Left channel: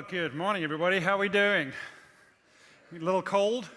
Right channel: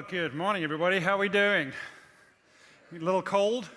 Well, good morning, everybody. How are we doing? A little cold?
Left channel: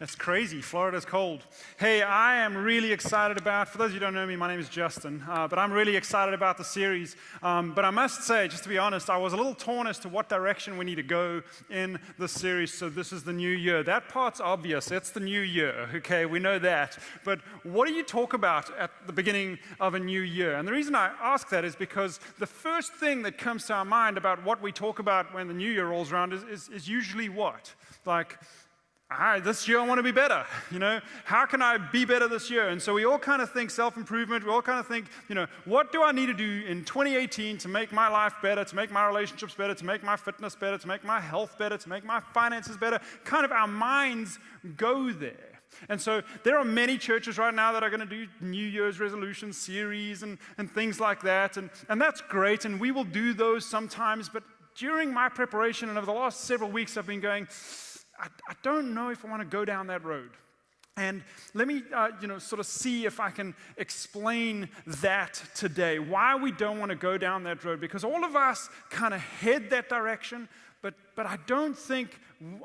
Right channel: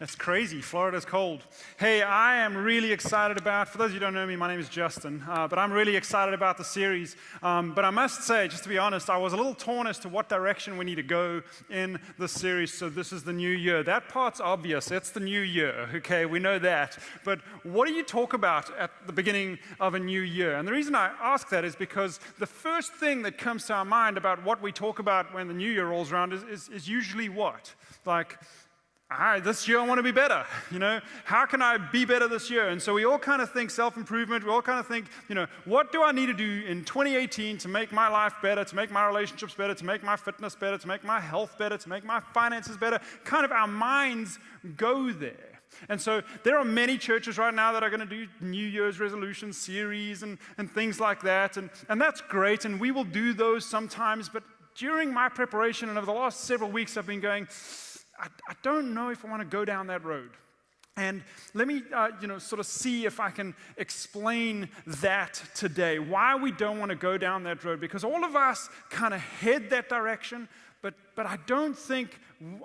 That's crazy. Florida's cold. Hey, I am really excited about, for those of you who don't know me, my name is Justin, but I'm really excited about the series. But I must say, just to be honest, I was a little torn as to what direction we need to go in the series. So this is the new year. That part's obvious. It's the new year, okay? We know that. But what do you talk about at the beginning of a new year? And the reason I ask that is because the first thing that comes to our mind about what we talk about when the new year rolls around is usually what? Like, all right, this year I want to be better. How can I be better this year? And so we all kind of think self-improvement. We all kind of think, what do I need to do in 2018 to make my life better, to make my relationships better, to make my fitness better, to make my health better, to make my finances better? Kind of our minds go there. And so there are many churches right now that are going to do New Year's resolution series and things like that. And that's great, and we will do those sometimes. But during my preparation and over the last several weeks, I've been going, I don't know if I want to go down that road. And let me, sort of see if I can explain that today, why we don't want to go down that road. Because all of us kind of head that direction, but I don't think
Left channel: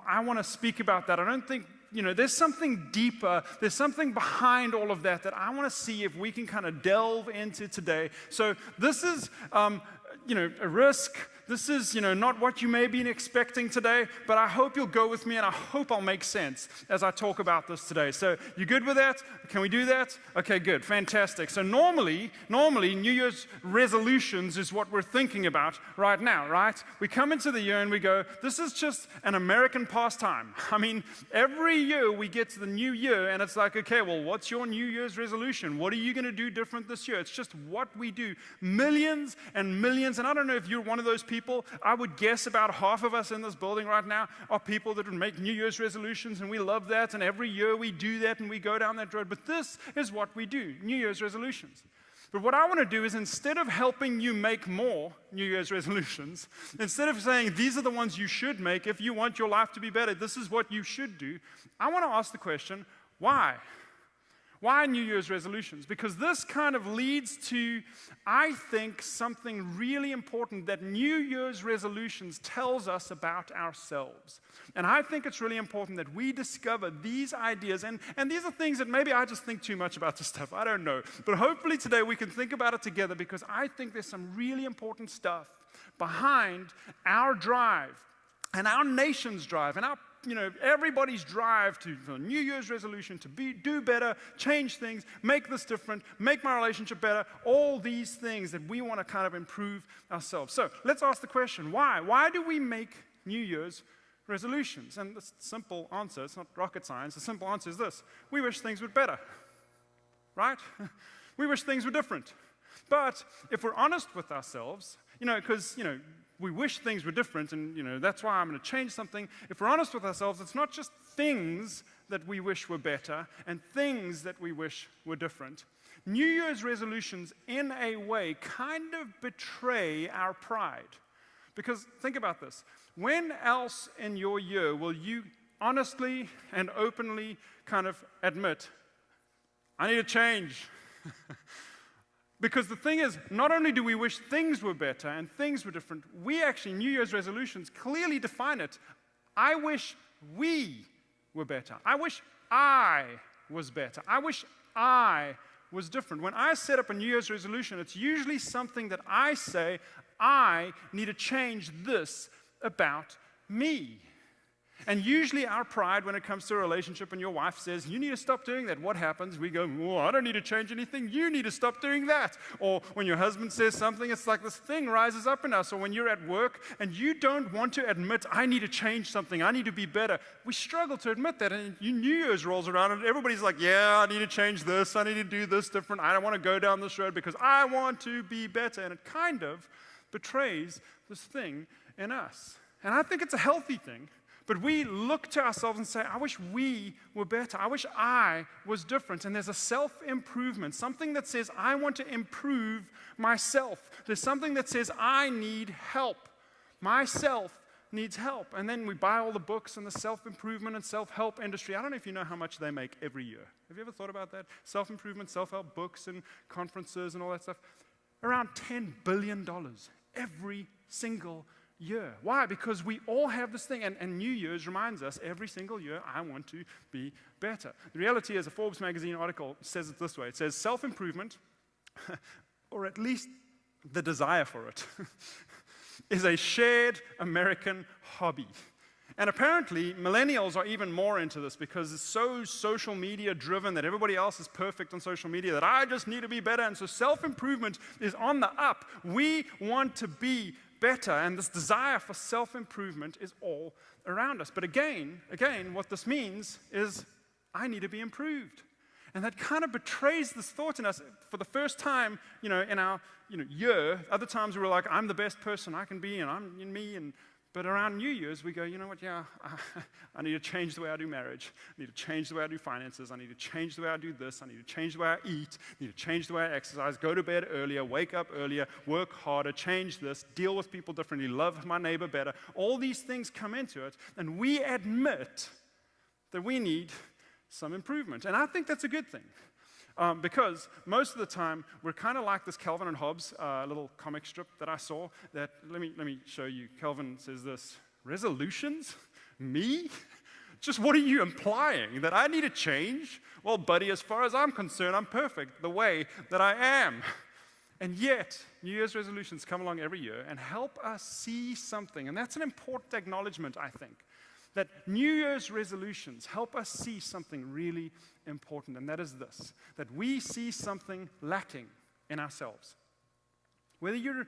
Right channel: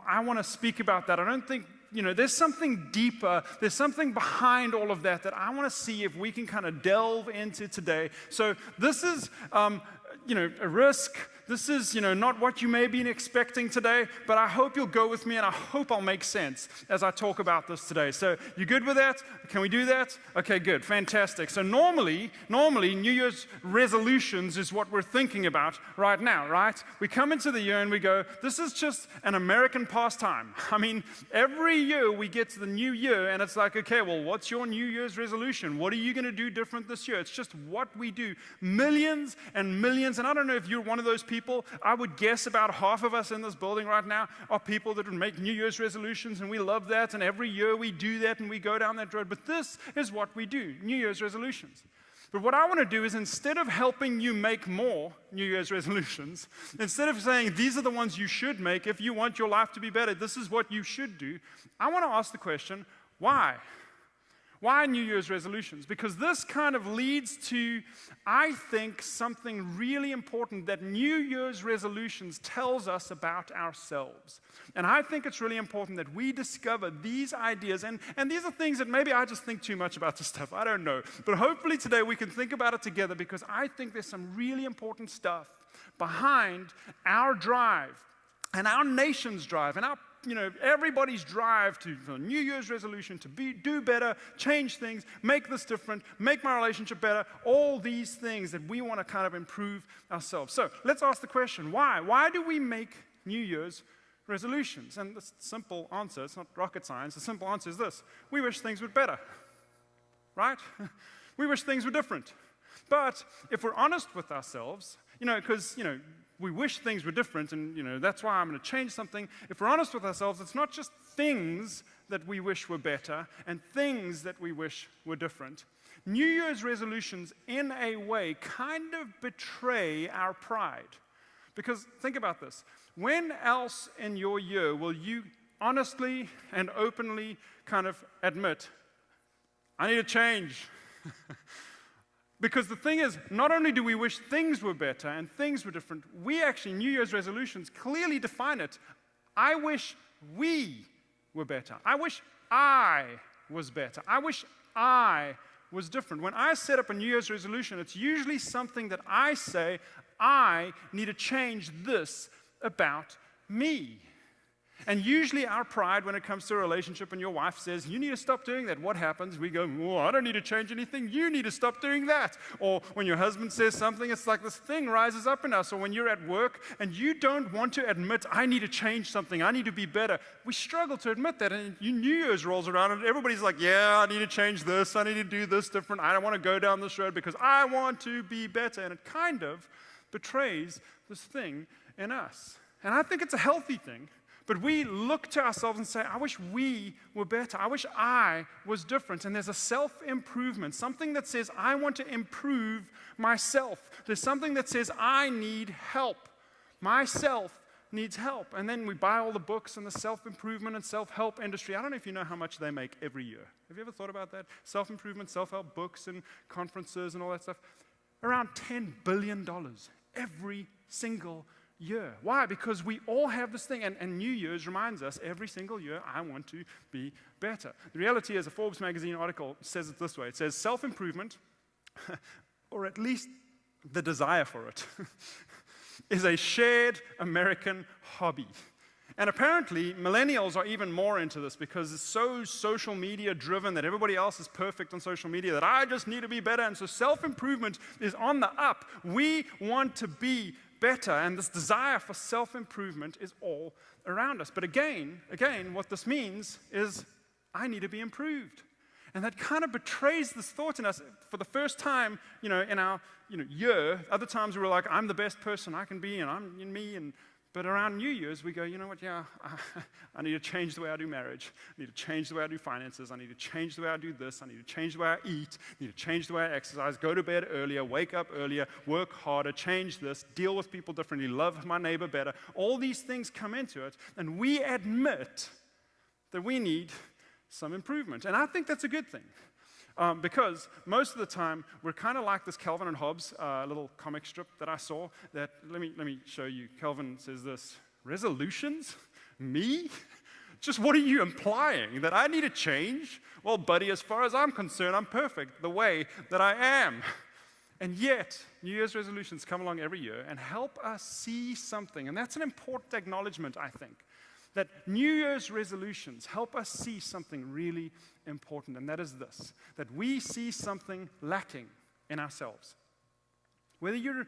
I want to speak about that. I don't think, there's something deeper, there's something behind all of that I want to see if we can kind of delve into today. So this is, a risk. This is, not what you may be expecting today, but I hope you'll go with me, and I hope I'll make sense as I talk about this today. So you good with that? Can we do that? Okay, good. Fantastic. So normally, New Year's resolutions is what we're thinking about right now, right? We come into the year and we go, this is just an American pastime. I mean, every year we get to the new year and it's like, okay, well, what's your New Year's resolution? What are you going to do different this year? It's just what we do. Millions and millions, and I don't know if you're one of those people. I would guess about half of us in this building right now are people that would make New Year's resolutions, and we love that, and every year we do that and we go down that road. But this is what we do, New Year's resolutions. But what I want to do is, instead of helping you make more New Year's resolutions, instead of saying these are the ones you should make if you want your life to be better, this is what you should do, I want to ask the question, why? Why New Year's resolutions? Because this kind of leads to, I think, something really important that New Year's resolutions tells us about ourselves. And I think it's really important that we discover these ideas. And these are things that maybe I just think too much about this stuff. I don't know. But hopefully today we can think about it together, because I think there's some really important stuff behind our drive and our nation's drive and our everybody's drive to the New Year's resolution to do better, change things, make this different, make my relationship better, all these things that we want to kind of improve ourselves. So let's ask the question, why? Why do we make New Year's resolutions? And the simple answer, it's not rocket science, the simple answer is this: we wish things were better, right? We wish things were different. But if we're honest with ourselves, because, we wish things were different, and, that's why I'm going to change something. If we're honest with ourselves, it's not just things that we wish were better and things that we wish were different. New Year's resolutions, in a way, kind of betray our pride. Because think about this. When else in your year will you honestly and openly kind of admit, I need to change? Because the thing is, not only do we wish things were better and things were different, we actually, New Year's resolutions clearly define it. I wish we were better. I wish I was better. I wish I was different. When I set up a New Year's resolution, it's usually something that I say, I need to change this about me. And usually our pride when it comes to a relationship, and your wife says, you need to stop doing that, what happens? We go, I don't need to change anything. You need to stop doing that. Or when your husband says something, it's like this thing rises up in us. Or when you're at work and you don't want to admit, I need to change something, I need to be better. We struggle to admit that. And New Year's rolls around and everybody's like, yeah, I need to change this. I need to do this different. I don't want to go down this road because I want to be better. And it kind of betrays this thing in us. And I think it's a healthy thing. But we look to ourselves and say, I wish we were better. I wish I was different. And there's a self-improvement, something that says, I want to improve myself. There's something that says, I need help. Myself needs help. And then we buy all the books in the self-improvement and self-help industry. I don't know if you know how much they make every year. Have you ever thought about that? Self-improvement, self-help books and conferences and all that stuff. Around $10 billion every single year. Why? Because we all have this thing, and New Year's reminds us every single year, I want to be better. The reality is, a Forbes magazine article says it this way. It says, self-improvement, or at least the desire for it, is a shared American hobby. And apparently, millennials are even more into this because it's so social media driven that everybody else is perfect on social media that I just need to be better. And so self-improvement is on the up. We want to be better, and this desire for self-improvement is all around us. But again, what this means is I need to be improved. And that kind of betrays this thought in us for the first time, in our year. Other times we were like, I'm the best person I can be, and I'm me. But around New Year's, we go, you know what, I need to change the way I do marriage. I need to change the way I do finances. I need to change the way I do this. I need to change the way I eat. I need to change the way I exercise, go to bed earlier, wake up earlier, work harder, change this, deal with people differently, love my neighbor better. All these things come into it, and we admit that we need some improvement. And I think that's a good thing. Because most of the time, we're kind of like this Calvin and Hobbes little comic strip that I saw. That let me show you. Calvin says this: resolutions? Me? Just what are you implying? That I need to change? Well, buddy, as far as I'm concerned, I'm perfect the way that I am. And yet, New Year's resolutions come along every year and help us see something. And that's an important acknowledgement, I think. That New Year's resolutions help us see something really important, and that is this: that we see something lacking in ourselves. Whether you're,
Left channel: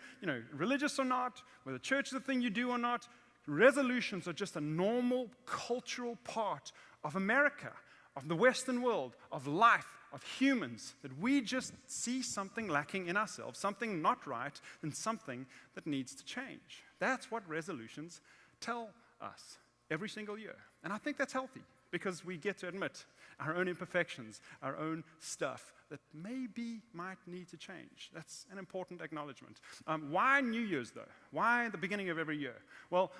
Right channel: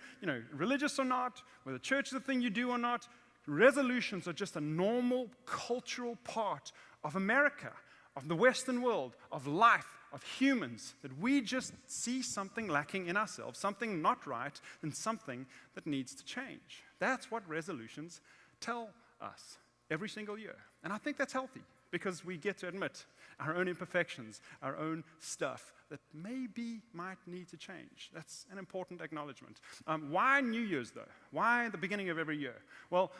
religious or not, whether church is the thing you do or not, resolutions are just a normal cultural part of America, of the Western world, of life, of humans, that we just see something lacking in ourselves, something not right, and something that needs to change. That's what resolutions tell us every single year. And I think that's healthy, because we get to admit our own imperfections, our own stuff that maybe might need to change. That's an important acknowledgement. Why New Year's, though? Why the beginning of every year? Well,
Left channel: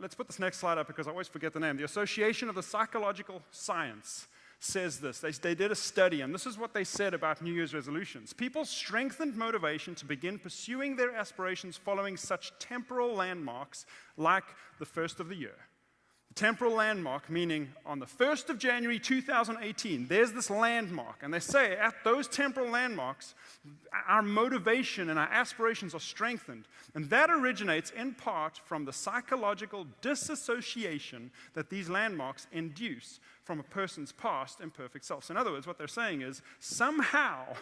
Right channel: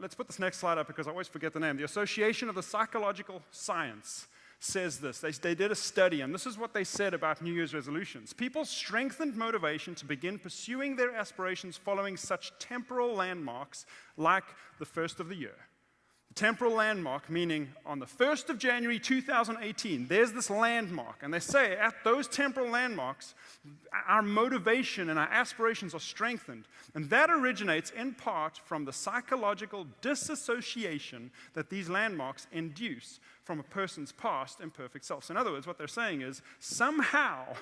let's put this next slide up because I always forget the name. The Association of the Psychological Science says this. They did a study, and this is what they said about New Year's resolutions. People strengthened motivation to begin pursuing their aspirations following such temporal landmarks like the first of the year. Temporal landmark, meaning on the 1st of January 2018, there's this landmark. And they say at those temporal landmarks, our motivation and our aspirations are strengthened. And that originates in part from the psychological disassociation that these landmarks induce from a person's past imperfect self. So in other words, what they're saying is, somehow,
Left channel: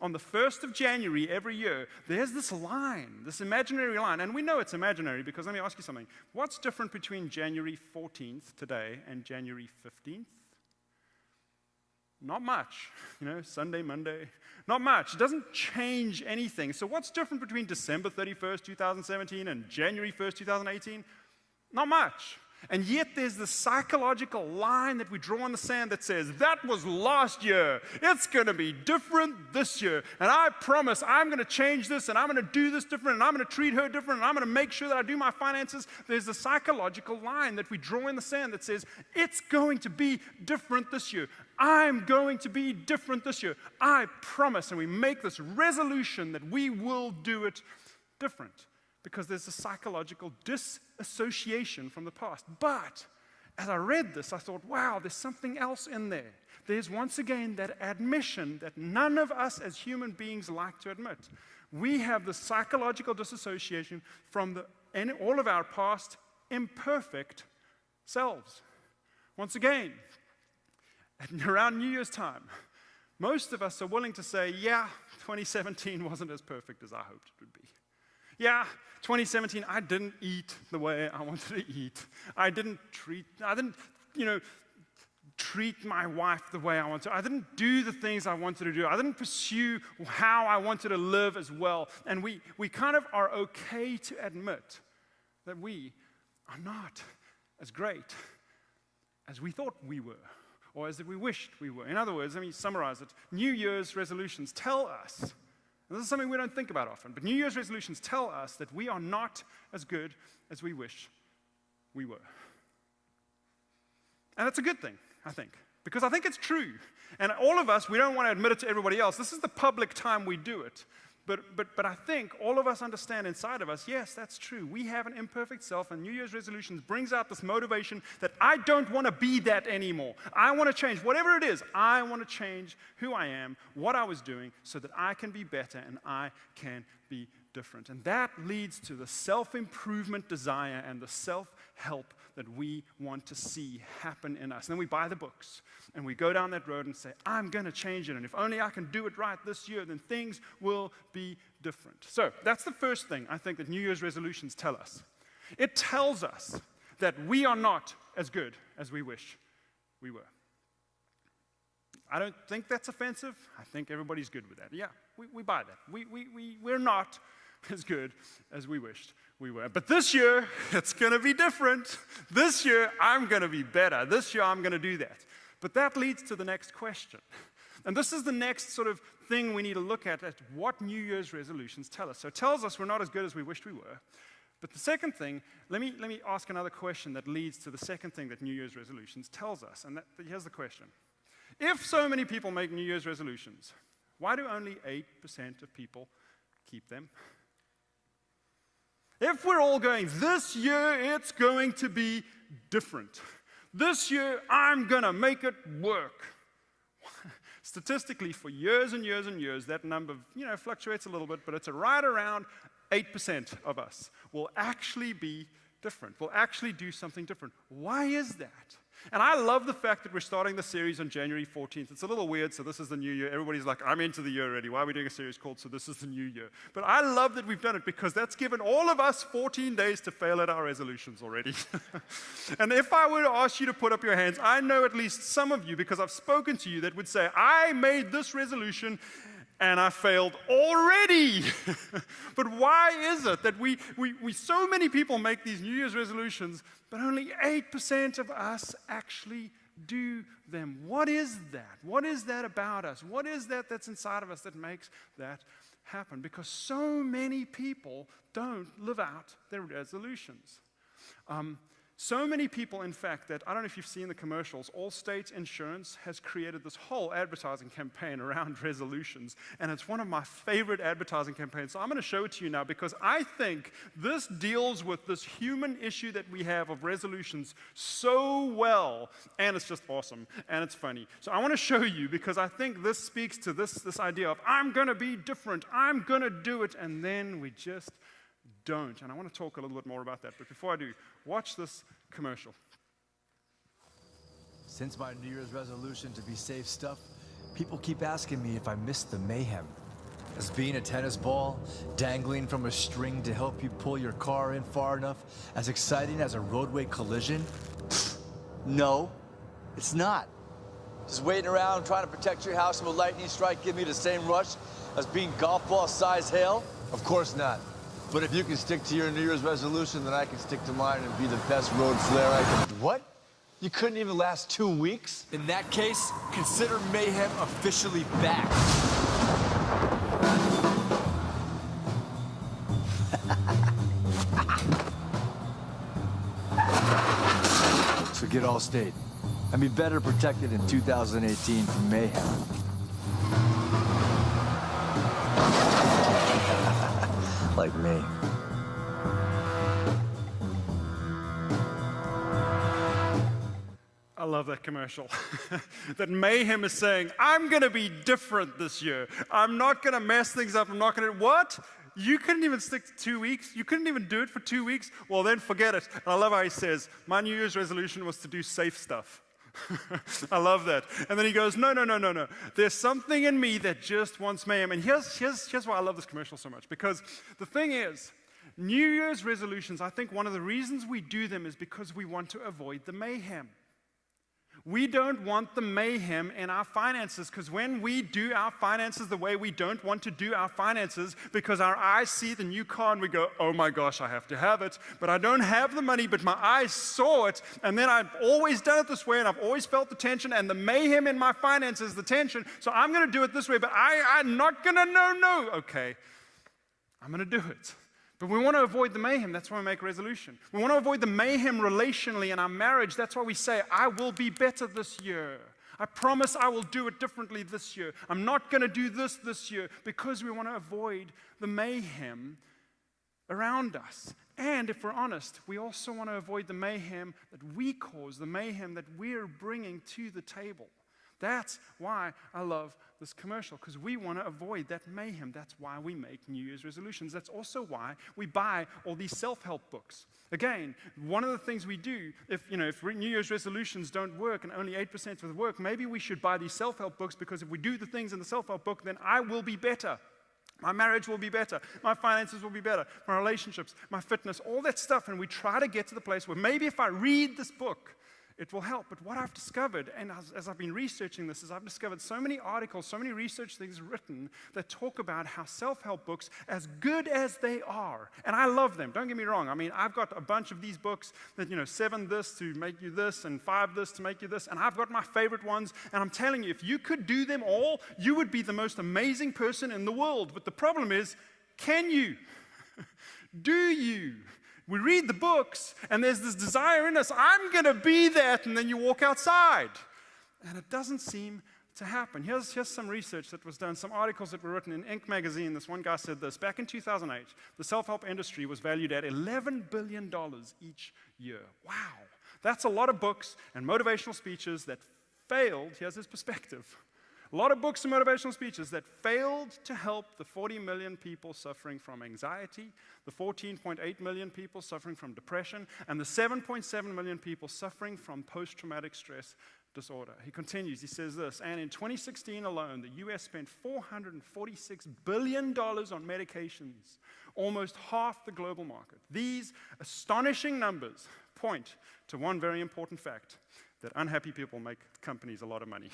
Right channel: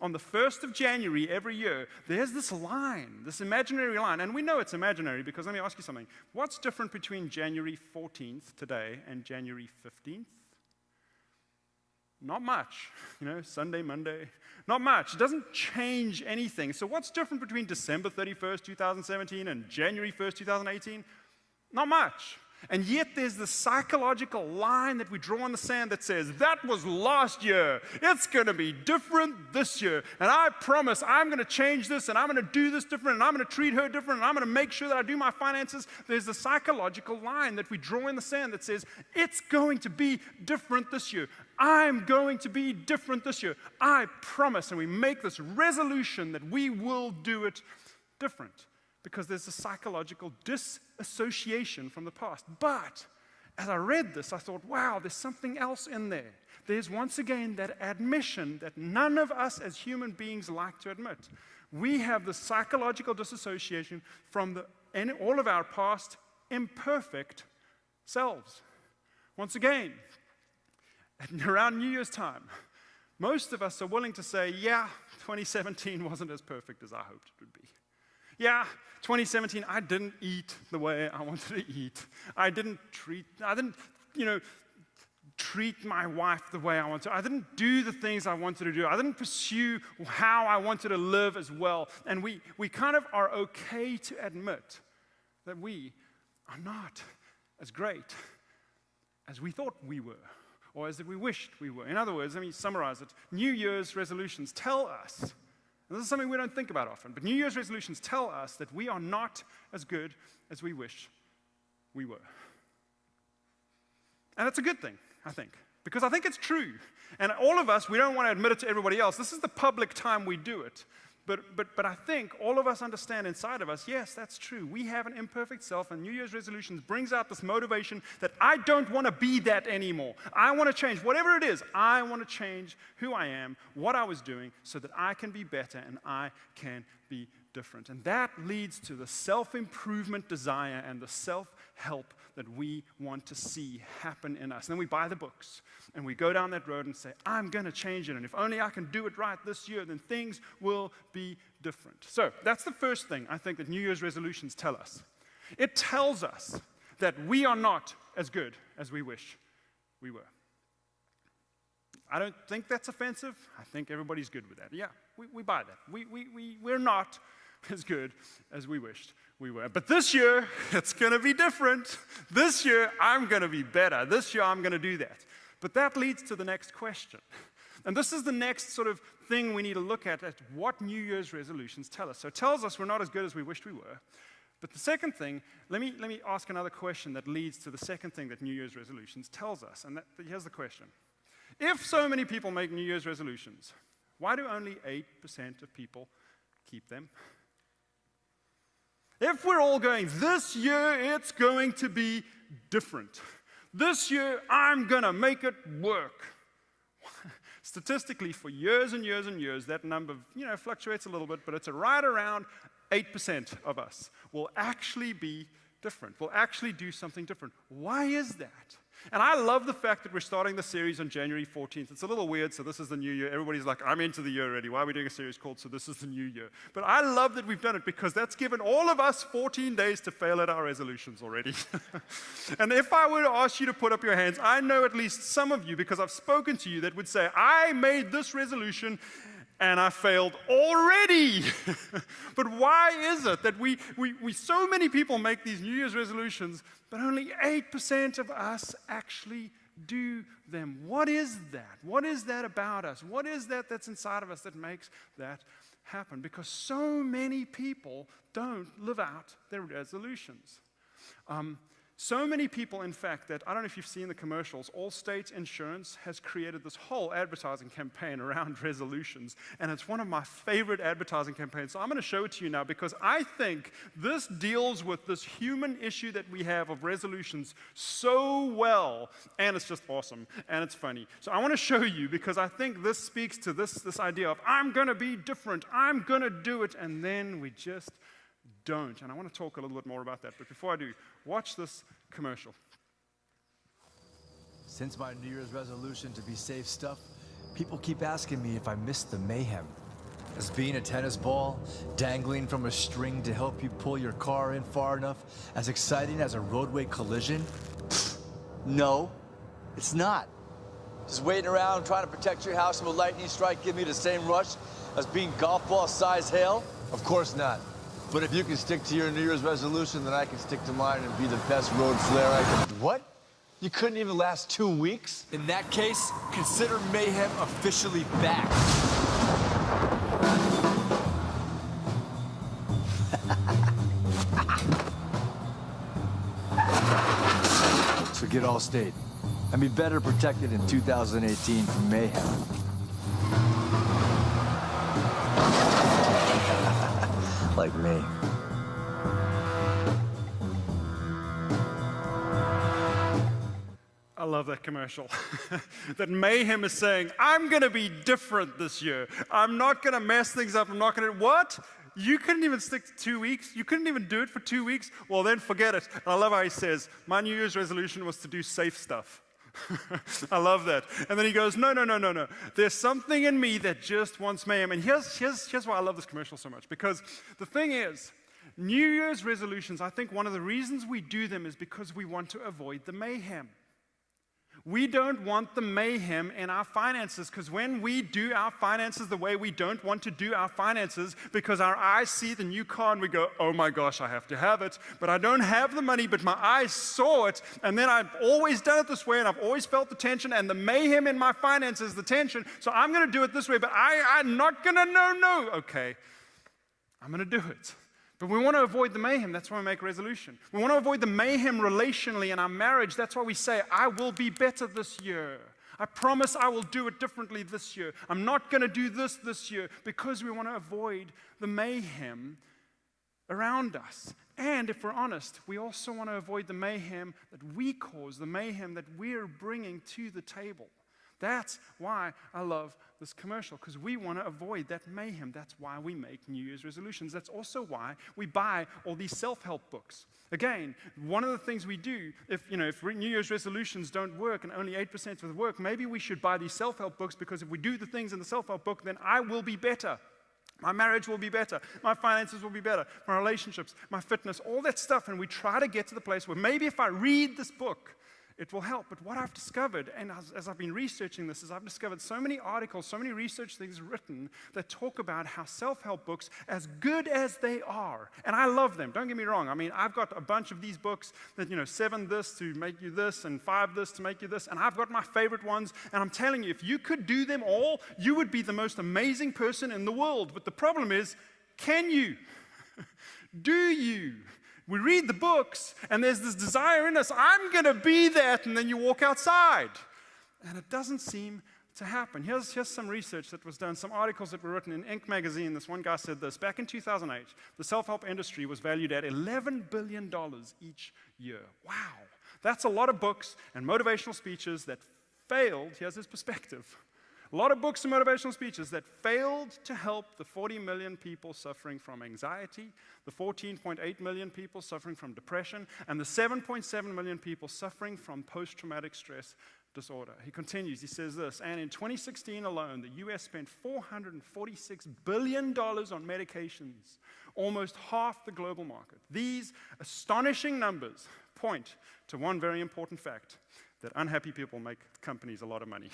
on the 1st of January every year, there's this line, this imaginary line. And we know it's imaginary because let me ask you something. What's different between January 14th today and January 15th? Not much. Sunday, Monday, not much. It doesn't change anything. So what's different between December 31st, 2017 and January 1st, 2018? Not much. And yet there's this psychological line that we draw in the sand that says, that was last year. It's going to be different this year. And I promise I'm going to change this, and I'm going to do this different, and I'm going to treat her different, and I'm going to make sure that I do my finances. There's a psychological line that we draw in the sand that says, it's going to be different this year. I'm going to be different this year. I promise. And we make this resolution that we will do it different. Because there's a psychological disassociation from the past. But as I read this, I thought, wow, there's something else in there. There's once again that admission that none of us as human beings like to admit. We have the psychological disassociation from all of our past imperfect selves. Once again, around New Year's time, most of us are willing to say, yeah, 2017 wasn't as perfect as I hoped it would be. Yeah, 2017, I didn't eat the way I wanted to eat. I didn't treat my wife the way I wanted to. I didn't do the things I wanted to do. I didn't pursue how I wanted to live as well. And we kind of are okay to admit that we are not as great as we thought we were, or as we wished we were. In other words, let me summarize it. New Year's resolutions tell us, this is something we don't think about often, but New Year's resolutions tell us that we are not as good as we wish we were. And that's a good thing, I think, because I think it's true. And all of us, we don't want to admit it to everybody else. This is the public time we do it. But I think all of us understand inside of us, yes, that's true. We have an imperfect self, and New Year's resolutions brings out this motivation that I don't want to be that anymore. I want to change. Whatever it is, I want to change who I am, what I was doing, so that I can be better and I can be different. And that leads to the self-improvement desire and the self-help that we want to see happen in us. And then we buy the books. And we go down that road and say, I'm going to change it. And if only I can do it right this year, then things will be different. So that's the first thing I think that New Year's resolutions tell us. It tells us that we are not as good as we wish we were. I don't think that's offensive. I think everybody's good with that. Yeah, we buy that. We're not as good as we wished we were. But this year, it's going to be different. This year, I'm going to be better. This year, I'm going to do that. But that leads to the next question. And this is the next sort of thing we need to look at what New Year's resolutions tell us. So it tells us we're not as good as we wished we were. But the second thing, let me ask another question that leads to the second thing that New Year's resolutions tells us. And here's the question. If so many people make New Year's resolutions, why do only 8% of people keep them? If we're all going, this year it's going to be different. This year, I'm going to make it work. Statistically, for years and years and years, that number, fluctuates a little bit, but it's right around 8% of us will actually be different, will actually do something different. Why is that? And I love the fact that we're starting the series on January 14th. It's a little weird, so this is the new year. Everybody's like, I'm into the year already. Why are we doing a series called So This Is the New Year? But I love that we've done it because that's given all of us 14 days to fail at our resolutions already. And if I were to ask you to put up your hands, I know at least some of you, because I've spoken to you, that would say, I made this resolution and I failed already. But why is it that we so many people make these New Year's resolutions, but only 8% of us actually do them? What is that? What is that about us? What is that that's inside of us that makes that happen? Because so many people don't live out their resolutions. So many people, in fact, that I don't know if you've seen the commercials, Allstate Insurance has created this whole advertising campaign around resolutions, and it's one of my favorite advertising campaigns. So I'm going to show it to you now because I think this deals with this human issue that we have of resolutions so well, and it's just awesome, and it's funny. So I want to show you because I think this speaks to this idea of I'm going to be different, I'm going to do it, and then we just don't. And I want to talk a little bit more about that, but before I do, watch this commercial. Since my New Year's resolution to be safe stuff, people keep asking me if I missed the mayhem. Is being a tennis ball, dangling from a string to help you pull your car in far enough, as exciting as a roadway collision? No, it's not. Just waiting around trying to protect your house from a lightning strike give me the same rush as being golf ball size hail? Of course not. But if you can stick to your New Year's resolution, then I can stick to mine and be the best road flair I can. What? You couldn't even last 2 weeks? In that case, consider Mayhem officially back. Forget Allstate. And be better protected in 2018 from Mayhem. Like me. I love that commercial. That Mayhem is saying, I'm going to be different this year. I'm not going to mess things up. I'm not going to... What? You couldn't even stick to 2 weeks? You couldn't even do it for 2 weeks? Well, then forget it. And I love how he says, my New Year's resolution was to do safe stuff. I love that. And then he goes, no. There's something in me that just wants mayhem. And here's why I love this commercial so much. Because the thing is, New Year's resolutions, I think one of the reasons we do them is because we want to avoid the mayhem. We don't want the mayhem in our finances, because when we do our finances the way we don't want to do our finances, because our eyes see the new car and we go, oh my gosh, I have to have it, but I don't have the money, but my eyes saw it, and then I've always done it this way, and I've always felt the tension, and the mayhem in my finances, the tension, so I'm going to do it this way, but I'm not going to, no, okay, I'm going to do it. But we want to avoid the mayhem. That's why we make a resolution. We want to avoid the mayhem relationally in our marriage. That's why we say, I will be better this year. I promise I will do it differently this year. I'm not going to do this year, because we want to avoid the mayhem around us. And if we're honest, we also want to avoid the mayhem that we cause, the mayhem that we're bringing to the table. That's why I love this commercial, because we want to avoid that mayhem. That's why we make New Year's resolutions. That's also why we buy all these self-help books. Again, one of the things we do, if New Year's resolutions don't work and only 8% will work, maybe we should buy these self-help books, because if we do the things in the self-help book, then I will be better. My marriage will be better. My finances will be better. My relationships, my fitness, all that stuff. And we try to get to the place where maybe if I read this book, it will help. But what I've discovered, and as I've been researching this, is I've discovered so many articles, so many research things written that talk about how self-help books, as good as they are, and I love them, don't get me wrong. I mean, I've got a bunch of these books that, 7 this to make you this, and 5 this to make you this, and I've got my favorite ones, and I'm telling you, if you could do them all, you would be the most amazing person in the world. But the problem is, can you? Do you? We read the books, and there's this desire in us, I'm going to be that, and then you walk outside. And it doesn't seem to happen. Here's some research that was done, some articles that were written in Inc. magazine. This one guy said this: back in 2008, the self-help industry was valued at $11 billion each year. Wow. That's a lot of books and motivational speeches that failed. Here's his perspective. A lot of books and motivational speeches that failed to help the 40 million people suffering from anxiety, the 14.8 million people suffering from depression, and the 7.7 million people suffering from post-traumatic stress disorder. He continues, he says this: and in 2016 alone, the U.S. spent $446 billion on medications, almost half the global market. These astonishing numbers point to one very important fact, that unhappy people make companies a lot of money.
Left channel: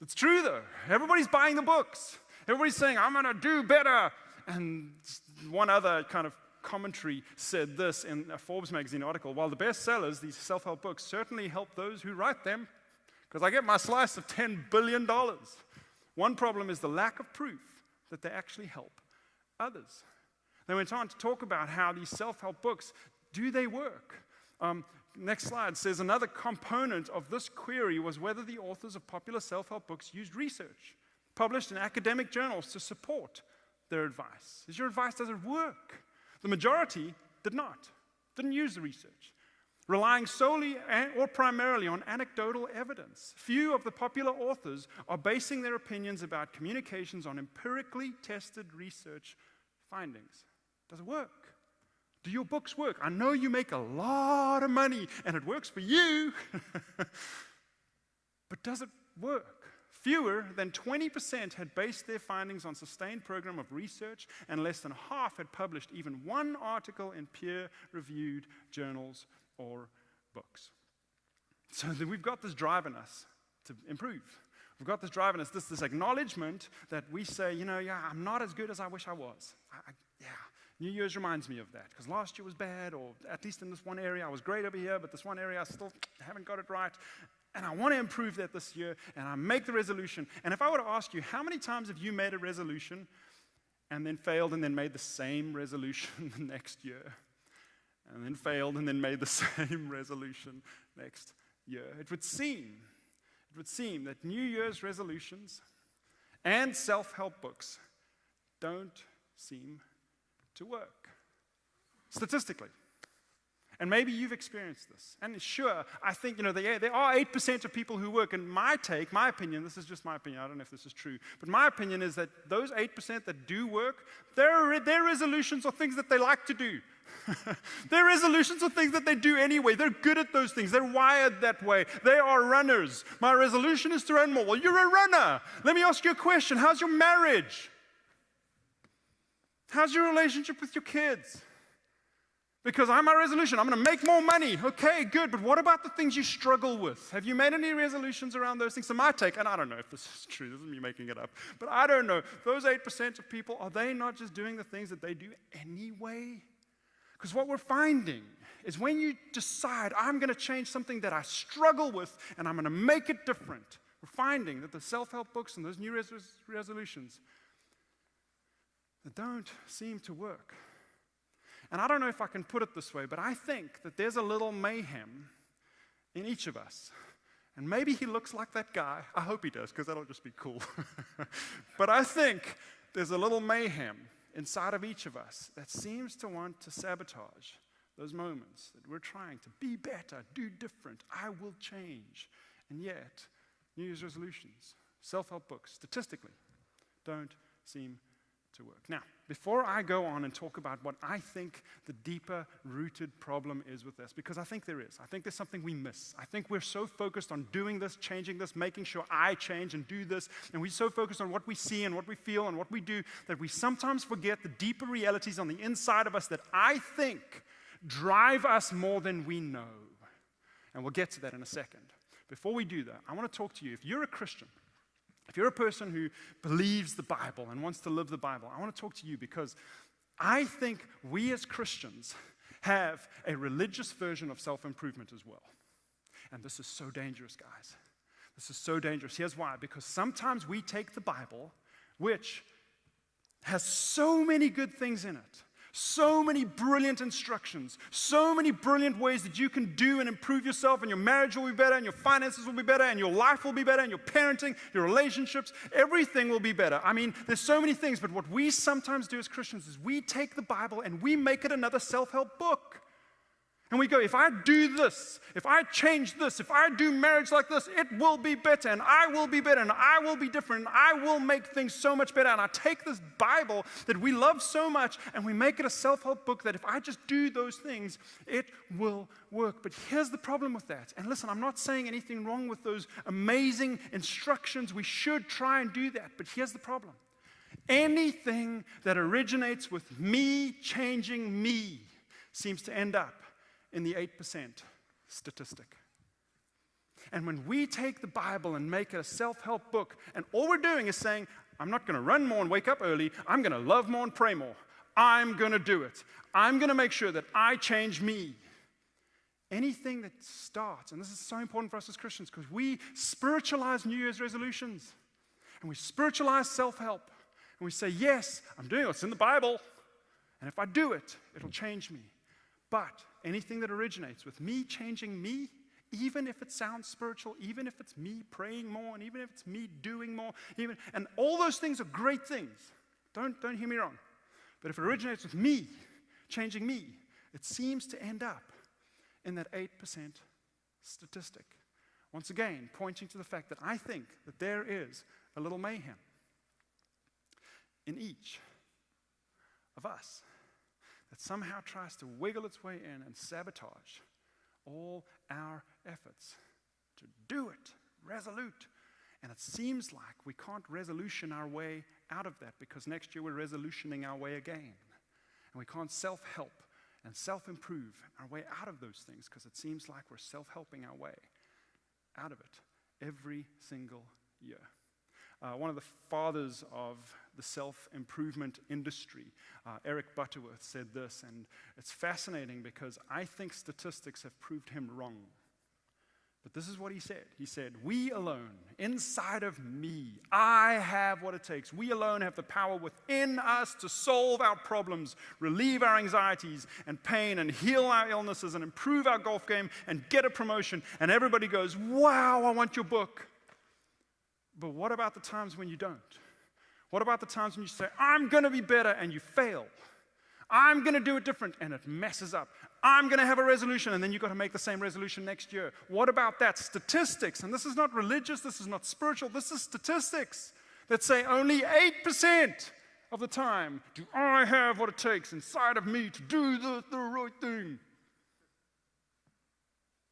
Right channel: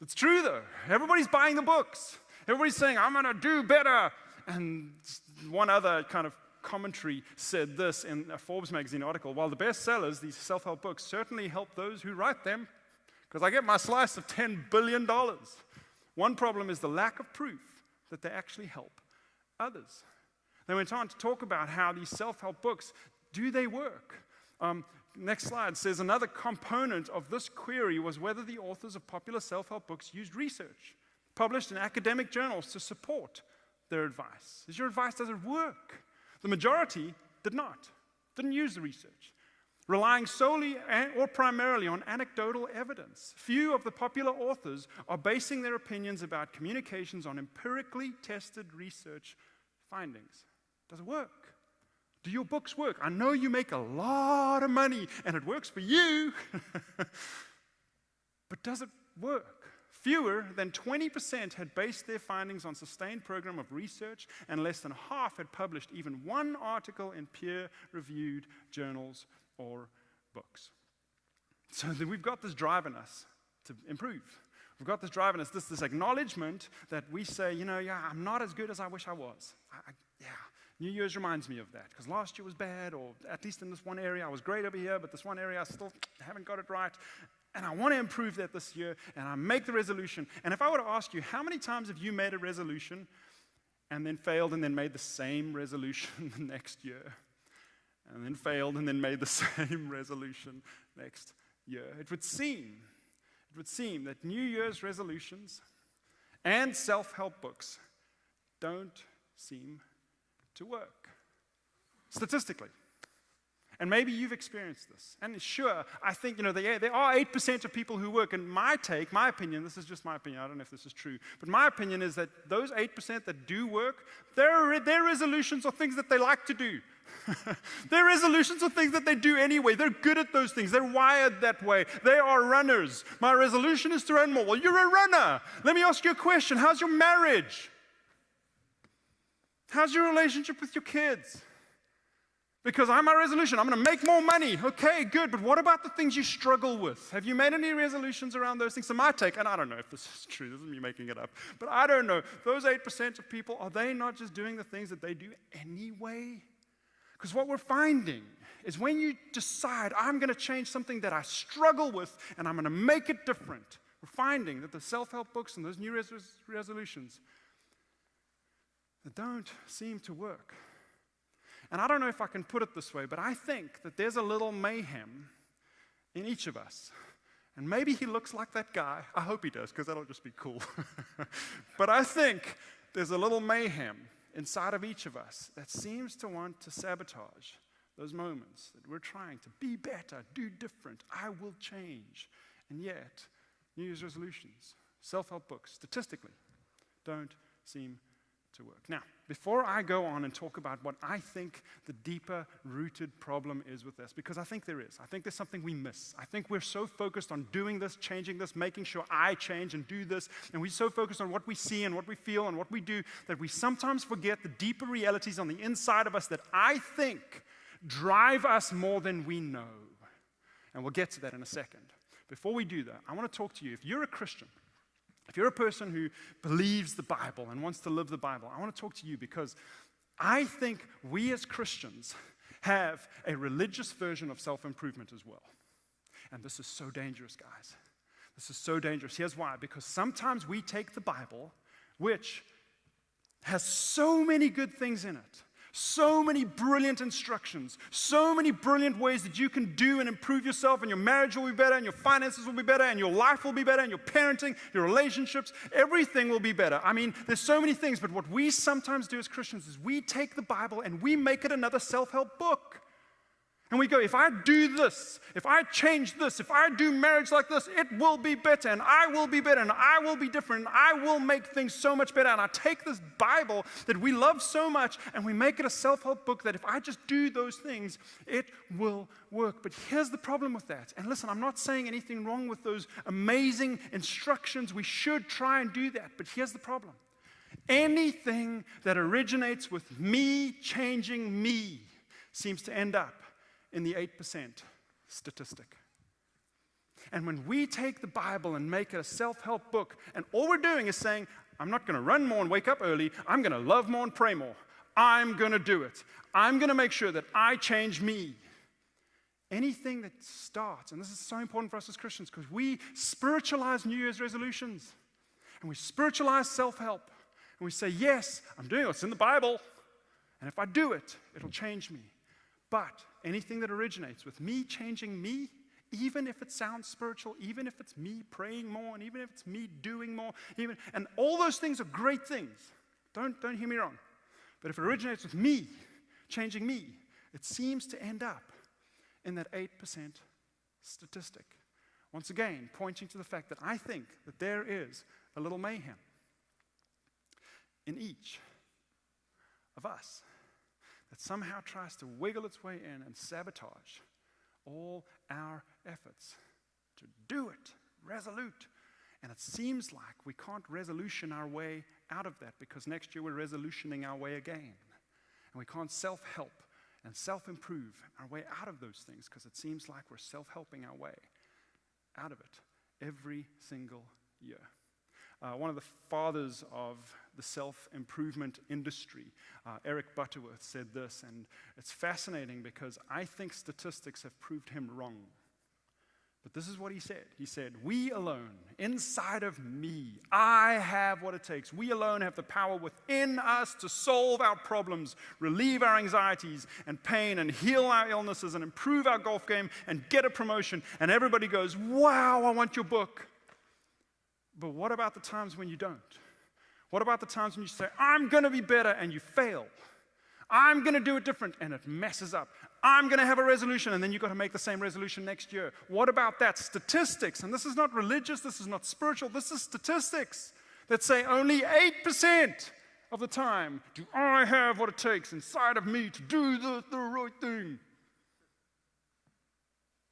It's true, though. Everybody's buying the books. Everybody's saying, I'm going to do better. And one other kind of commentary said this in a Forbes magazine article: while the bestsellers, these self-help books, certainly help those who write them, because I get my slice of $10 billion. One problem is the lack of proof that they actually help others. They went on to talk about how these self-help books, do they work? Next slide says another component of this query was whether the authors of popular self-help books used research published in academic journals to support their advice. Is your advice, does it work? The majority did not, didn't use the research, relying solely or primarily on anecdotal evidence. Few of the popular authors are basing their opinions about communications on empirically tested research findings. Does it work? Do your books work? I know you make a lot of money and it works for you, but does it work? Fewer than 20% had based their findings on sustained program of research, and less than half had published even one article in peer-reviewed journals or books. So we've got this drive in us to improve. We've got this drive in us, this acknowledgement that we say, I'm not as good as I wish I was. New Year's reminds me of that, because last year was bad, or at least in this one area I was great over here, but this one area I still haven't got it right. And I want to improve that this year, and I make the resolution. And if I were to ask you, how many times have you made a resolution and then failed and then made the same resolution the next year? And then failed and then made the same resolution next year? It would seem that New Year's resolutions and self-help books don't seem to work, statistically. And maybe you've experienced this. And sure, I think, there are 8% of people who work. And my opinion, this is just my opinion, I don't know if this is true, but my opinion is that those 8% that do work, their resolutions are things that they like to do. Their resolutions are things that they do anyway. They're good at those things. They're wired that way. They are runners. My resolution is to run more. Well, you're a runner. Let me ask you a question. How's your marriage? How's your relationship with your kids? Because my resolution, I'm going to make more money. Okay, good. But what about the things you struggle with? Have you made any resolutions around those things? So my take, and I don't know if this is true, this is me making it up, but I don't know. Those 8% of people, are they not just doing the things that they do anyway? Because what we're finding is when you decide, I'm going to change something that I struggle with, and I'm going to make it different, we're finding that the self-help books and those new resolutions, they don't seem to work. And I don't know if I can put it this way, but I think that there's a little mayhem in each of us. And maybe he looks like that guy. I hope he does, because that'll just be cool. But I think there's a little mayhem inside of each of us that seems to want to sabotage those moments that we're trying to be better, do different, I will change. And yet, New Year's resolutions, self-help books, statistically, don't seem to work. Now, before I go on and talk about what I think the deeper rooted problem is with this, because I think there is. I think there's something we miss. I think we're so focused on doing this, changing this, making sure I change and do this, and we're so focused on what we see and what we feel and what we do that we sometimes forget the deeper realities on the inside of us that I think drive us more than we know. And we'll get to that in a second. Before we do that, I want to talk to you. If you're a Christian, if you're a person who believes the Bible and wants to live the Bible, I want to talk to you because I think we as Christians have a religious version of self-improvement as well. And this is so dangerous, guys. This is so dangerous. Here's why. Because sometimes we take the Bible, which has so many good things in it, so many brilliant instructions, so many brilliant ways that you can do and improve yourself, and your marriage will be better, and your finances will be better, and your life will be better, and your parenting, your relationships, everything will be better. I mean, there's so many things, but what we sometimes do as Christians is we take the Bible and we make it another self-help book. And we go, if I do this, if I change this, if I do marriage like this, it will be better, and I will be better, and I will be different, and I will make things so much better. And I take this Bible that we love so much, and we make it a self-help book that if I just do those things, it will work. But here's the problem with that. And listen, I'm not saying anything wrong with those amazing instructions. We should try and do that. But here's the problem. Anything that originates with me changing me seems to end up in the 8% statistic. And when we take the Bible and make it a self-help book, and all we're doing is saying, I'm not going to run more and wake up early, I'm going to love more and pray more. I'm going to do it. I'm going to make sure that I change me. Anything that starts, and this is so important for us as Christians, because we spiritualize New Year's resolutions, and we spiritualize self-help, and we say, yes, I'm doing what's in the Bible, and if I do it, it'll change me. But anything that originates with me changing me, even if it sounds spiritual, even if it's me praying more, and even if it's me doing more, and all those things are great things. Don't hear me wrong. But if it originates with me changing me, it seems to end up in that 8% statistic. Once again, pointing to the fact that I think that there is a little mayhem in each of us that somehow tries to wiggle its way in and sabotage all our efforts to do it, resolute. And it seems like we can't resolution our way out of that because next year we're resolutioning our way again. And we can't self-help and self-improve our way out of those things because it seems like we're self-helping our way out of it every single year. One of the fathers of the self-improvement industry, Eric Butterworth, said this, and it's fascinating because I think statistics have proved him wrong. But this is what he said. He said, we alone, inside of me, I have what it takes. We alone have the power within us to solve our problems, relieve our anxieties and pain, and heal our illnesses, and improve our golf game, and get a promotion. And everybody goes, wow, I want your book. But what about the times when you don't? What about the times when you say, I'm going to be better, and you fail? I'm going to do it different, and it messes up. I'm going to have a resolution, and then you've got to make the same resolution next year. What about that? Statistics, and this is not religious, this is not spiritual, this is statistics that say only 8% of the time do I have what it takes inside of me to do the right thing.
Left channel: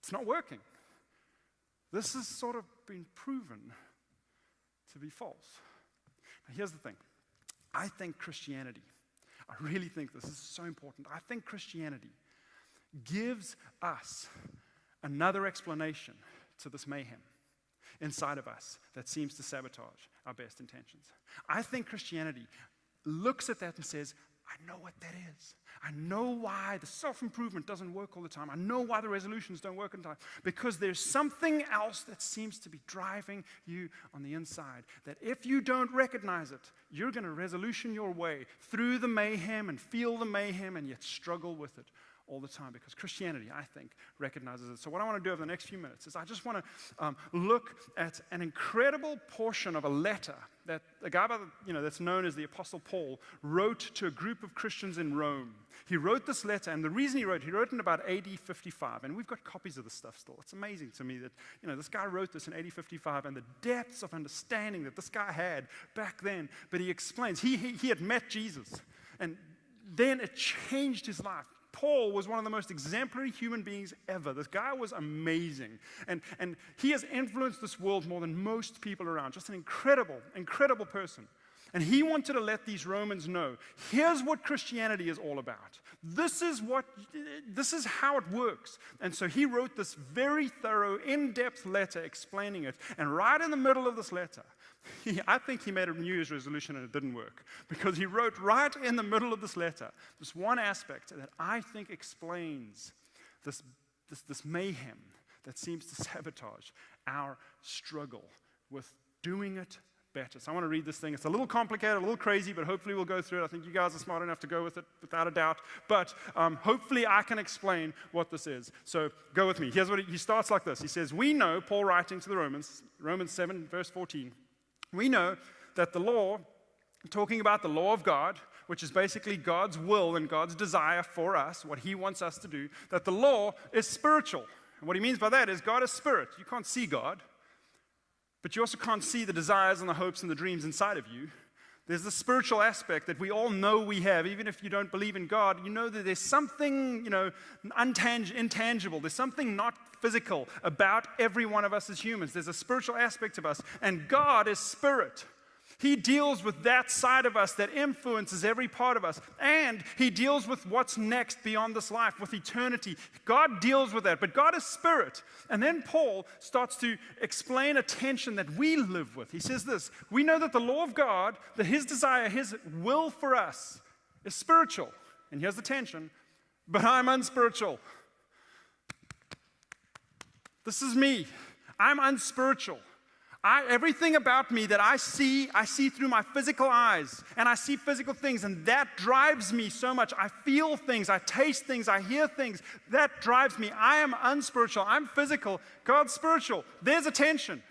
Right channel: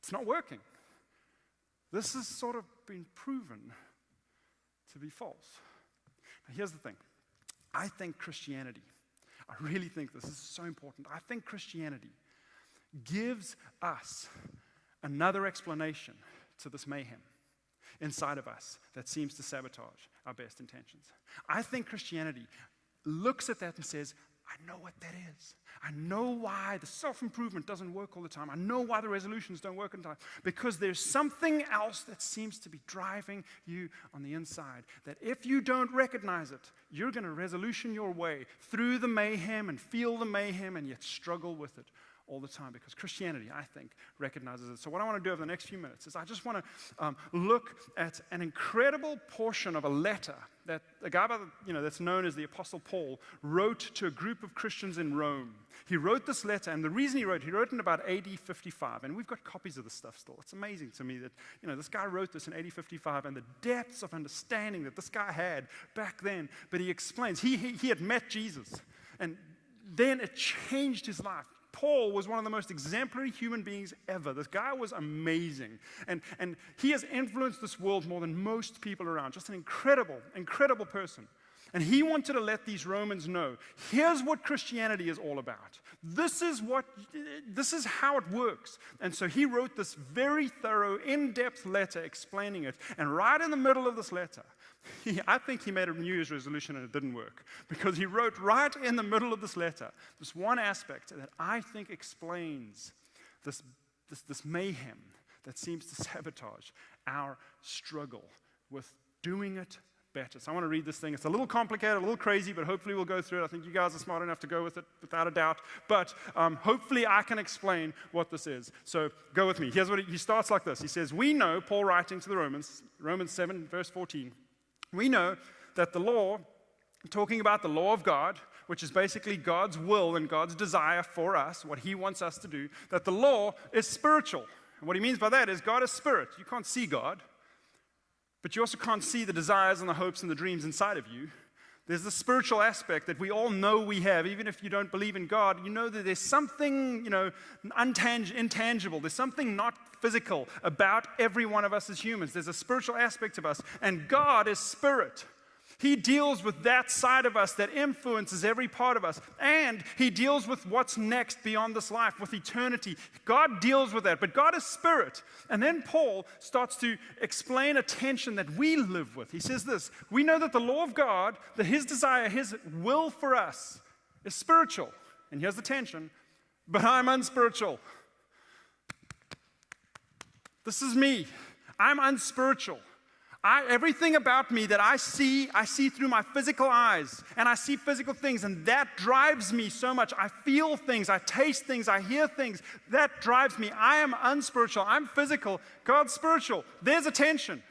It's not working. This has sort of been proven to be false. Now, here's the thing. I think Christianity, I really think this is so important. I think Christianity gives us another explanation to this mayhem inside of us that seems to sabotage our best intentions. I think Christianity looks at that and says, I know what that is. I know why the self-improvement doesn't work all the time. I know why the resolutions don't work all the time. Because there's something else that seems to be driving you on the inside. That if you don't recognize it, you're going to resolution your way through the mayhem and feel the mayhem and yet struggle with it all the time, because Christianity, I think, recognizes it. So what I want to do over the next few minutes is I just want to look at an incredible portion of a letter that a guy that's known as the Apostle Paul wrote to a group of Christians in Rome. He wrote this letter, and the reason he wrote in about AD 55, and we've got copies of this stuff still. It's amazing to me that, this guy wrote this in AD 55, and the depths of understanding that this guy had back then. But he explains, he had met Jesus, and then it changed his life. Paul was one of the most exemplary human beings ever. This guy was amazing. And he has influenced this world more than most people around. Just an incredible, incredible person. And he wanted to let these Romans know, here's what Christianity is all about. This is how it works. And so he wrote this very thorough, in-depth letter explaining it. And right in the middle of this letter, I think he made a New Year's resolution and it didn't work, because he wrote right in the middle of this letter this one aspect that I think explains this mayhem that seems to sabotage our struggle with doing it better. So I want to read this thing. It's a little complicated, a little crazy, but hopefully we'll go through it. I think you guys are smart enough to go with it without a doubt. But hopefully I can explain what this is. So go with me. Here's what he starts like this. He says, we know, Paul writing to the Romans 7, verse 14, we know that the law, talking about the law of God, which is basically God's will and God's desire for us, what he wants us to do, that the law is spiritual. And what he means by that is God is spirit. You can't see God, but you also can't see the desires and the hopes and the dreams inside of you. There's the spiritual aspect that we all know we have. Even if you don't believe in God, you know that there's something, intangible. There's something not physical about every one of us as humans. There's a spiritual aspect of us, and God is spirit. He deals with that side of us that influences every part of us, and he deals with what's next beyond this life, with eternity. God deals with that, but God is spirit. And then Paul starts to explain a tension that we live with. He says this, we know that the law of God, that his desire, his will for us is spiritual. And here's the tension, but I'm unspiritual. This is me. I'm unspiritual. Everything about me that I see through my physical eyes, and I see physical things, and that drives me so much. I feel things, I taste things, I hear things. That drives me. I am unspiritual. I'm physical. God's spiritual. There's a tension.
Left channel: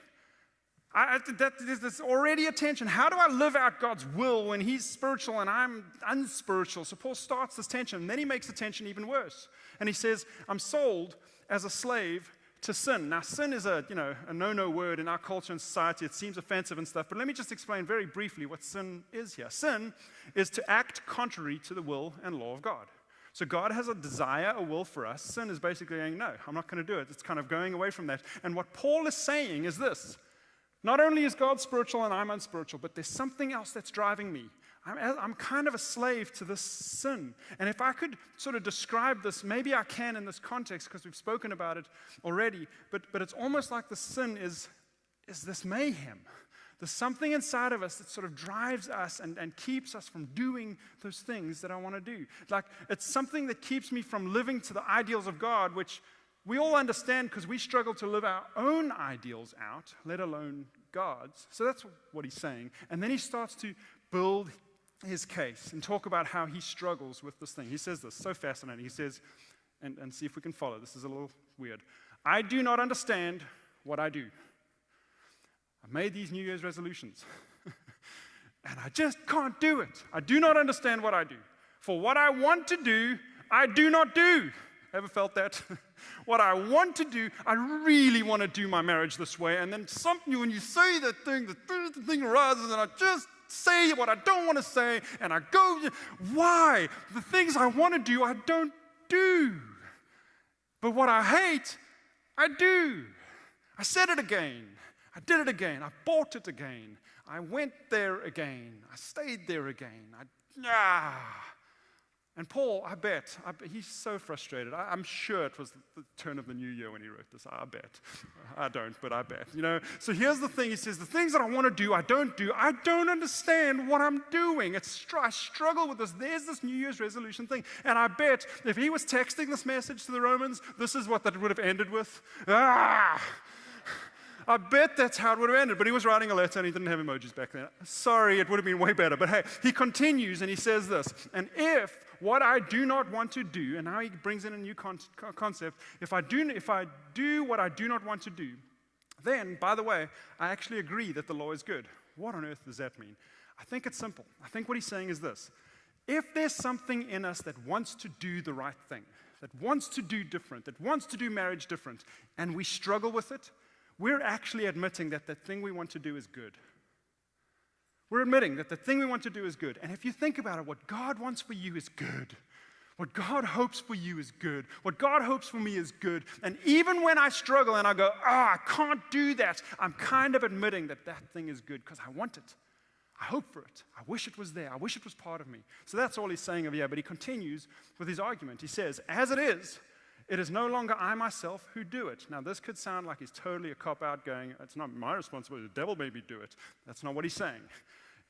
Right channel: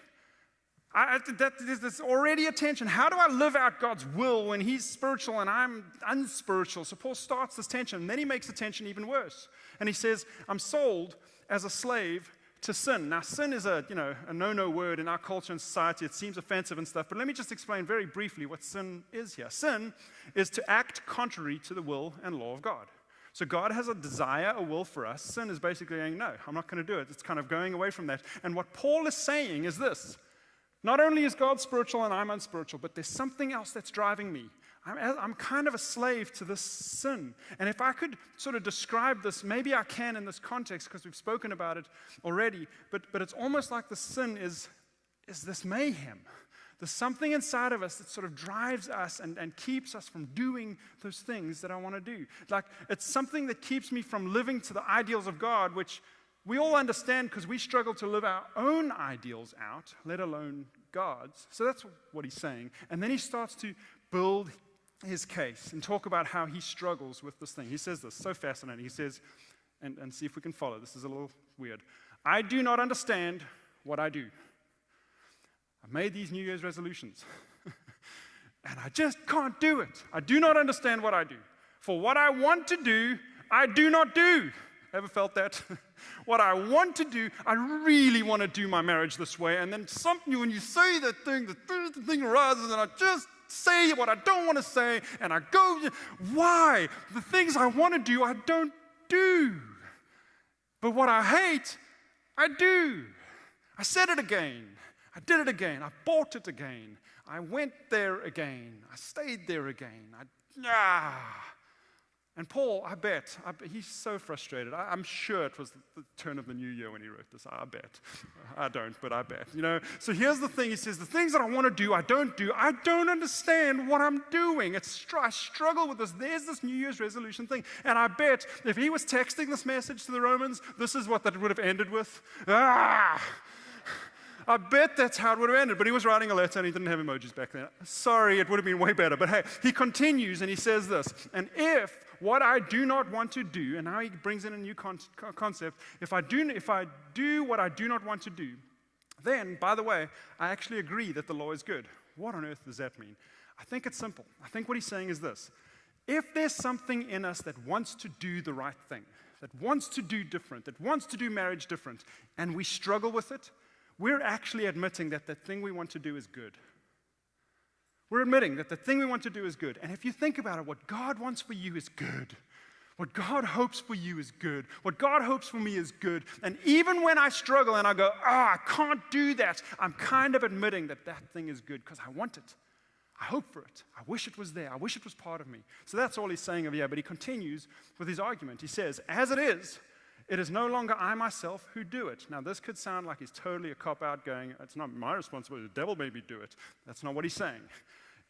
There's already a tension. How do I live out God's will when he's spiritual and I'm unspiritual? So Paul starts this tension, and then he makes the tension even worse. And he says, I'm sold as a slave to sin. Now, sin is a no-no word in our culture and society. It seems offensive and stuff, but let me just explain very briefly what sin is here. Sin is to act contrary to the will and law of God. So God has a desire, a will for us. Sin is basically saying, no, I'm not going to do it. It's kind of going away from that. And what Paul is saying is this. Not only is God spiritual and I'm unspiritual, but there's something else that's driving me. I'm kind of a slave to this sin. And if I could sort of describe this, maybe I can in this context because we've spoken about it already, but it's almost like the sin is this mayhem. There's something inside of us that sort of drives us and keeps us from doing those things that I want to do. Like it's something that keeps me from living to the ideals of God, which we all understand because we struggle to live our own ideals out, let alone God's. So that's what he's saying. And then he starts to build his case and talk about how he struggles with this thing. He says this, so fascinating. He says, and see if we can follow. This is a little weird. I do not understand what I do. I've made these New Year's resolutions, and I just can't do it. I do not understand what I do. For what I want to do, I do not do. Ever felt that? What I want to do, I really want to do my marriage this way, and then when you say that thing, the thing arises, and I just say what I don't want to say, and I go, why? The things I want to do, I don't do. But what I hate, I do. I said it again. I did it again. I bought it again. I went there again. I stayed there again. And Paul, I bet, he's so frustrated. I'm sure it was the turn of the new year when he wrote this. I bet. I don't, but I bet. So here's the thing. He says, the things that I want to do, I don't do. I don't understand what I'm doing. I struggle with this. There's this New Year's resolution thing. And I bet if he was texting this message to the Romans, this is what that would have ended with. I bet that's how it would have ended. But he was writing a letter and he didn't have emojis back then. Sorry, it would have been way better. But hey, he continues and he says this. And if what I do not want to do, and now he brings in a new concept, if I do what I do not want to do, then, by the way, I actually agree that the law is good. What on earth does that mean? I think it's simple. I think what he's saying is this. If there's something in us that wants to do the right thing, that wants to do different, that wants to do marriage different, and we struggle with it, we're actually admitting that the thing we want to do is good. We're admitting that the thing we want to do is good. And if you think about it, what God wants for you is good. What God hopes for you is good. What God hopes for me is good. And even when I struggle and I go, I can't do that, I'm kind of admitting that that thing is good because I want it. I hope for it. I wish it was there. I wish it was part of me. So that's all he's saying over here. But he continues with his argument. He says, as it is no longer I myself who do it. Now, this could sound like he's totally a cop-out going, it's not my responsibility. The devil made me do it. That's not what he's saying.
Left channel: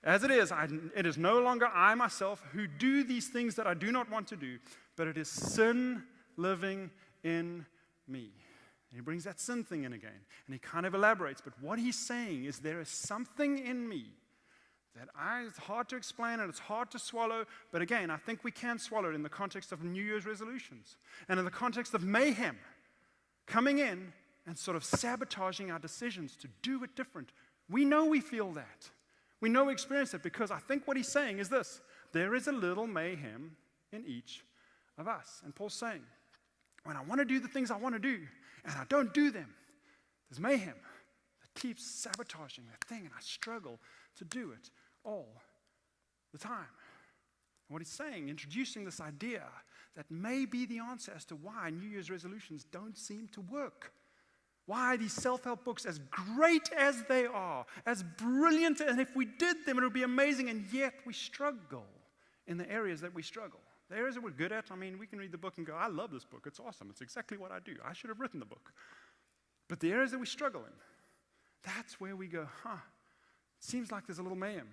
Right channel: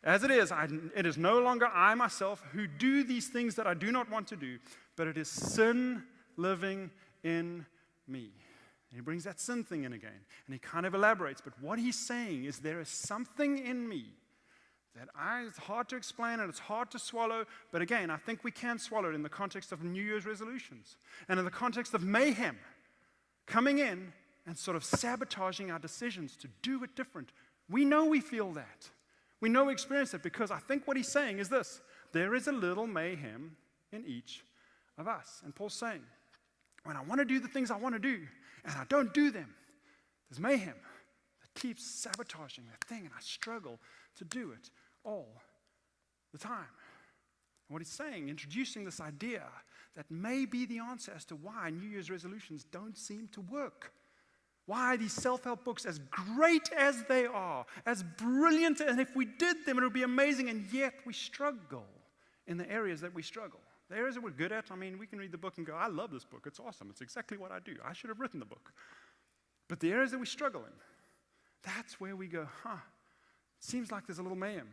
As it is no longer I myself who do these things that I do not want to do, but it is sin living in me. And he brings that sin thing in again, and he kind of elaborates. But what he's saying is there is something in me that it's hard to explain and it's hard to swallow. But again, I think we can swallow it in the context of New Year's resolutions and in the context of mayhem coming in and sort of sabotaging our decisions to do it different. We know we feel that. We know we experience it because I think what he's saying is this. There is a little mayhem in each of us. And Paul's saying, when I want to do the things I want to do and I don't do them, there's mayhem that keeps sabotaging that thing and I struggle to do it all the time. And what he's saying, introducing this idea that may be the answer as to why New Year's resolutions don't seem to work. Why these self-help books, as great as they are, as brilliant, and if we did them, it would be amazing, and yet we struggle in the areas that we struggle. The areas that we're good at, I mean, we can read the book and go, I love this book. It's awesome. It's exactly what I do. I should have written the book. But the areas that we struggle in, that's where we go, seems like there's a little mayhem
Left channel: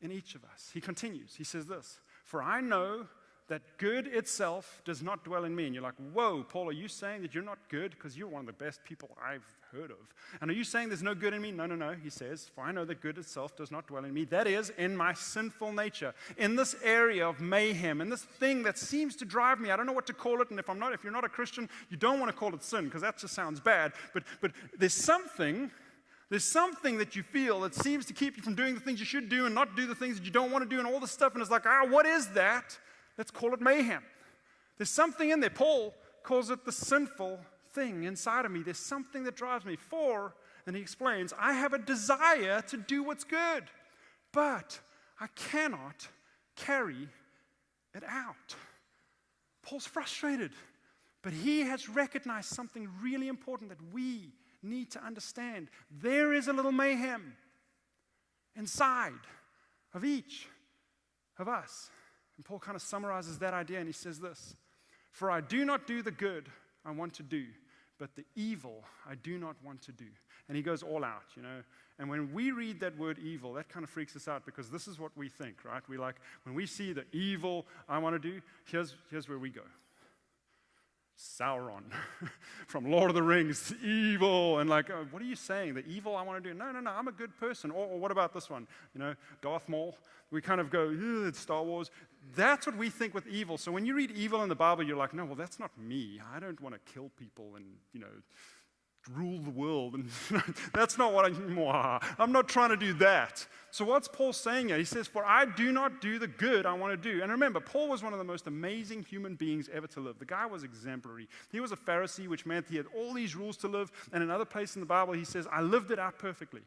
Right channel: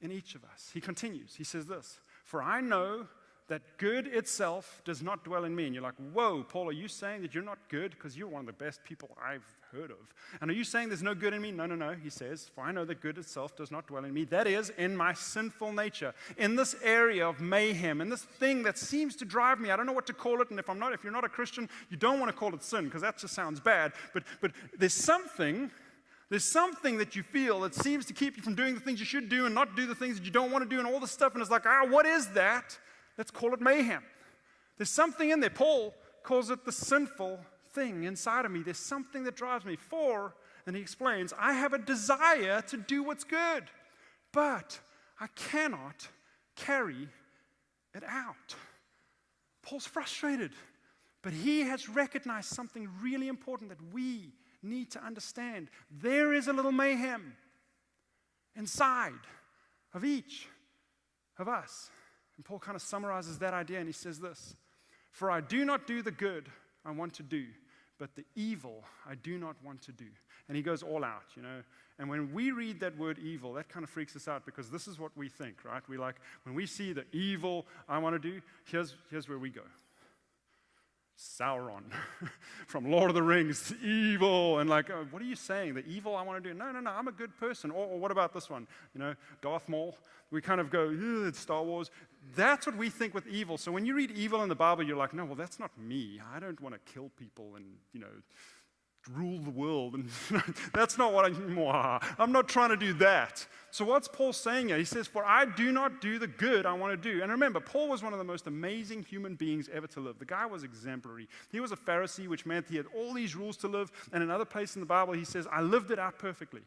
in each of us. He continues. He says this, for I know that good itself does not dwell in me. And you're like, whoa, Paul, are you saying that you're not good? Because you're one of the best people I've heard of. And are you saying there's no good in me? No. He says, for I know that good itself does not dwell in me. That is, in my sinful nature, in this area of mayhem, in this thing that seems to drive me. I don't know what to call it. And if you're not a Christian, you don't want to call it sin because that just sounds bad. But there's something that you feel that seems to keep you from doing the things you should do and not do the things that you don't want to do and all this stuff. And it's like, what is that? Let's call it mayhem. There's something in there. Paul calls it the sinful thing inside of me. There's something that drives me. And he explains, I have a desire to do what's good, but I cannot carry it out. Paul's frustrated, but he has recognized something really important that we need to understand. There is a little mayhem inside of each of us. And Paul kind of summarizes that idea and he says this, for I do not do the good I want to do, but the evil I do not want to do. And he goes all out, And when we read that word evil, that kind of freaks us out because this is what we think, right? We like, when we see the evil I want to do, here's where we go. Sauron from Lord of the Rings, evil, and like, what are you saying? The evil I want to do? No, I'm a good person. Or what about this one? Darth Maul. We kind of go, it's Star Wars. That's what we think with evil. So when you read evil in the Bible, you're like, no, well, that's not me. I don't want to kill people and, rule the world. And that's not what I'm not trying to do that. So what's Paul saying here? He says, for I do not do the good I want to do. And remember, Paul was one of the most amazing human beings ever to live. The guy was exemplary. He was a Pharisee, which meant he had all these rules to live. And another place in the Bible, he says, I lived it out perfectly.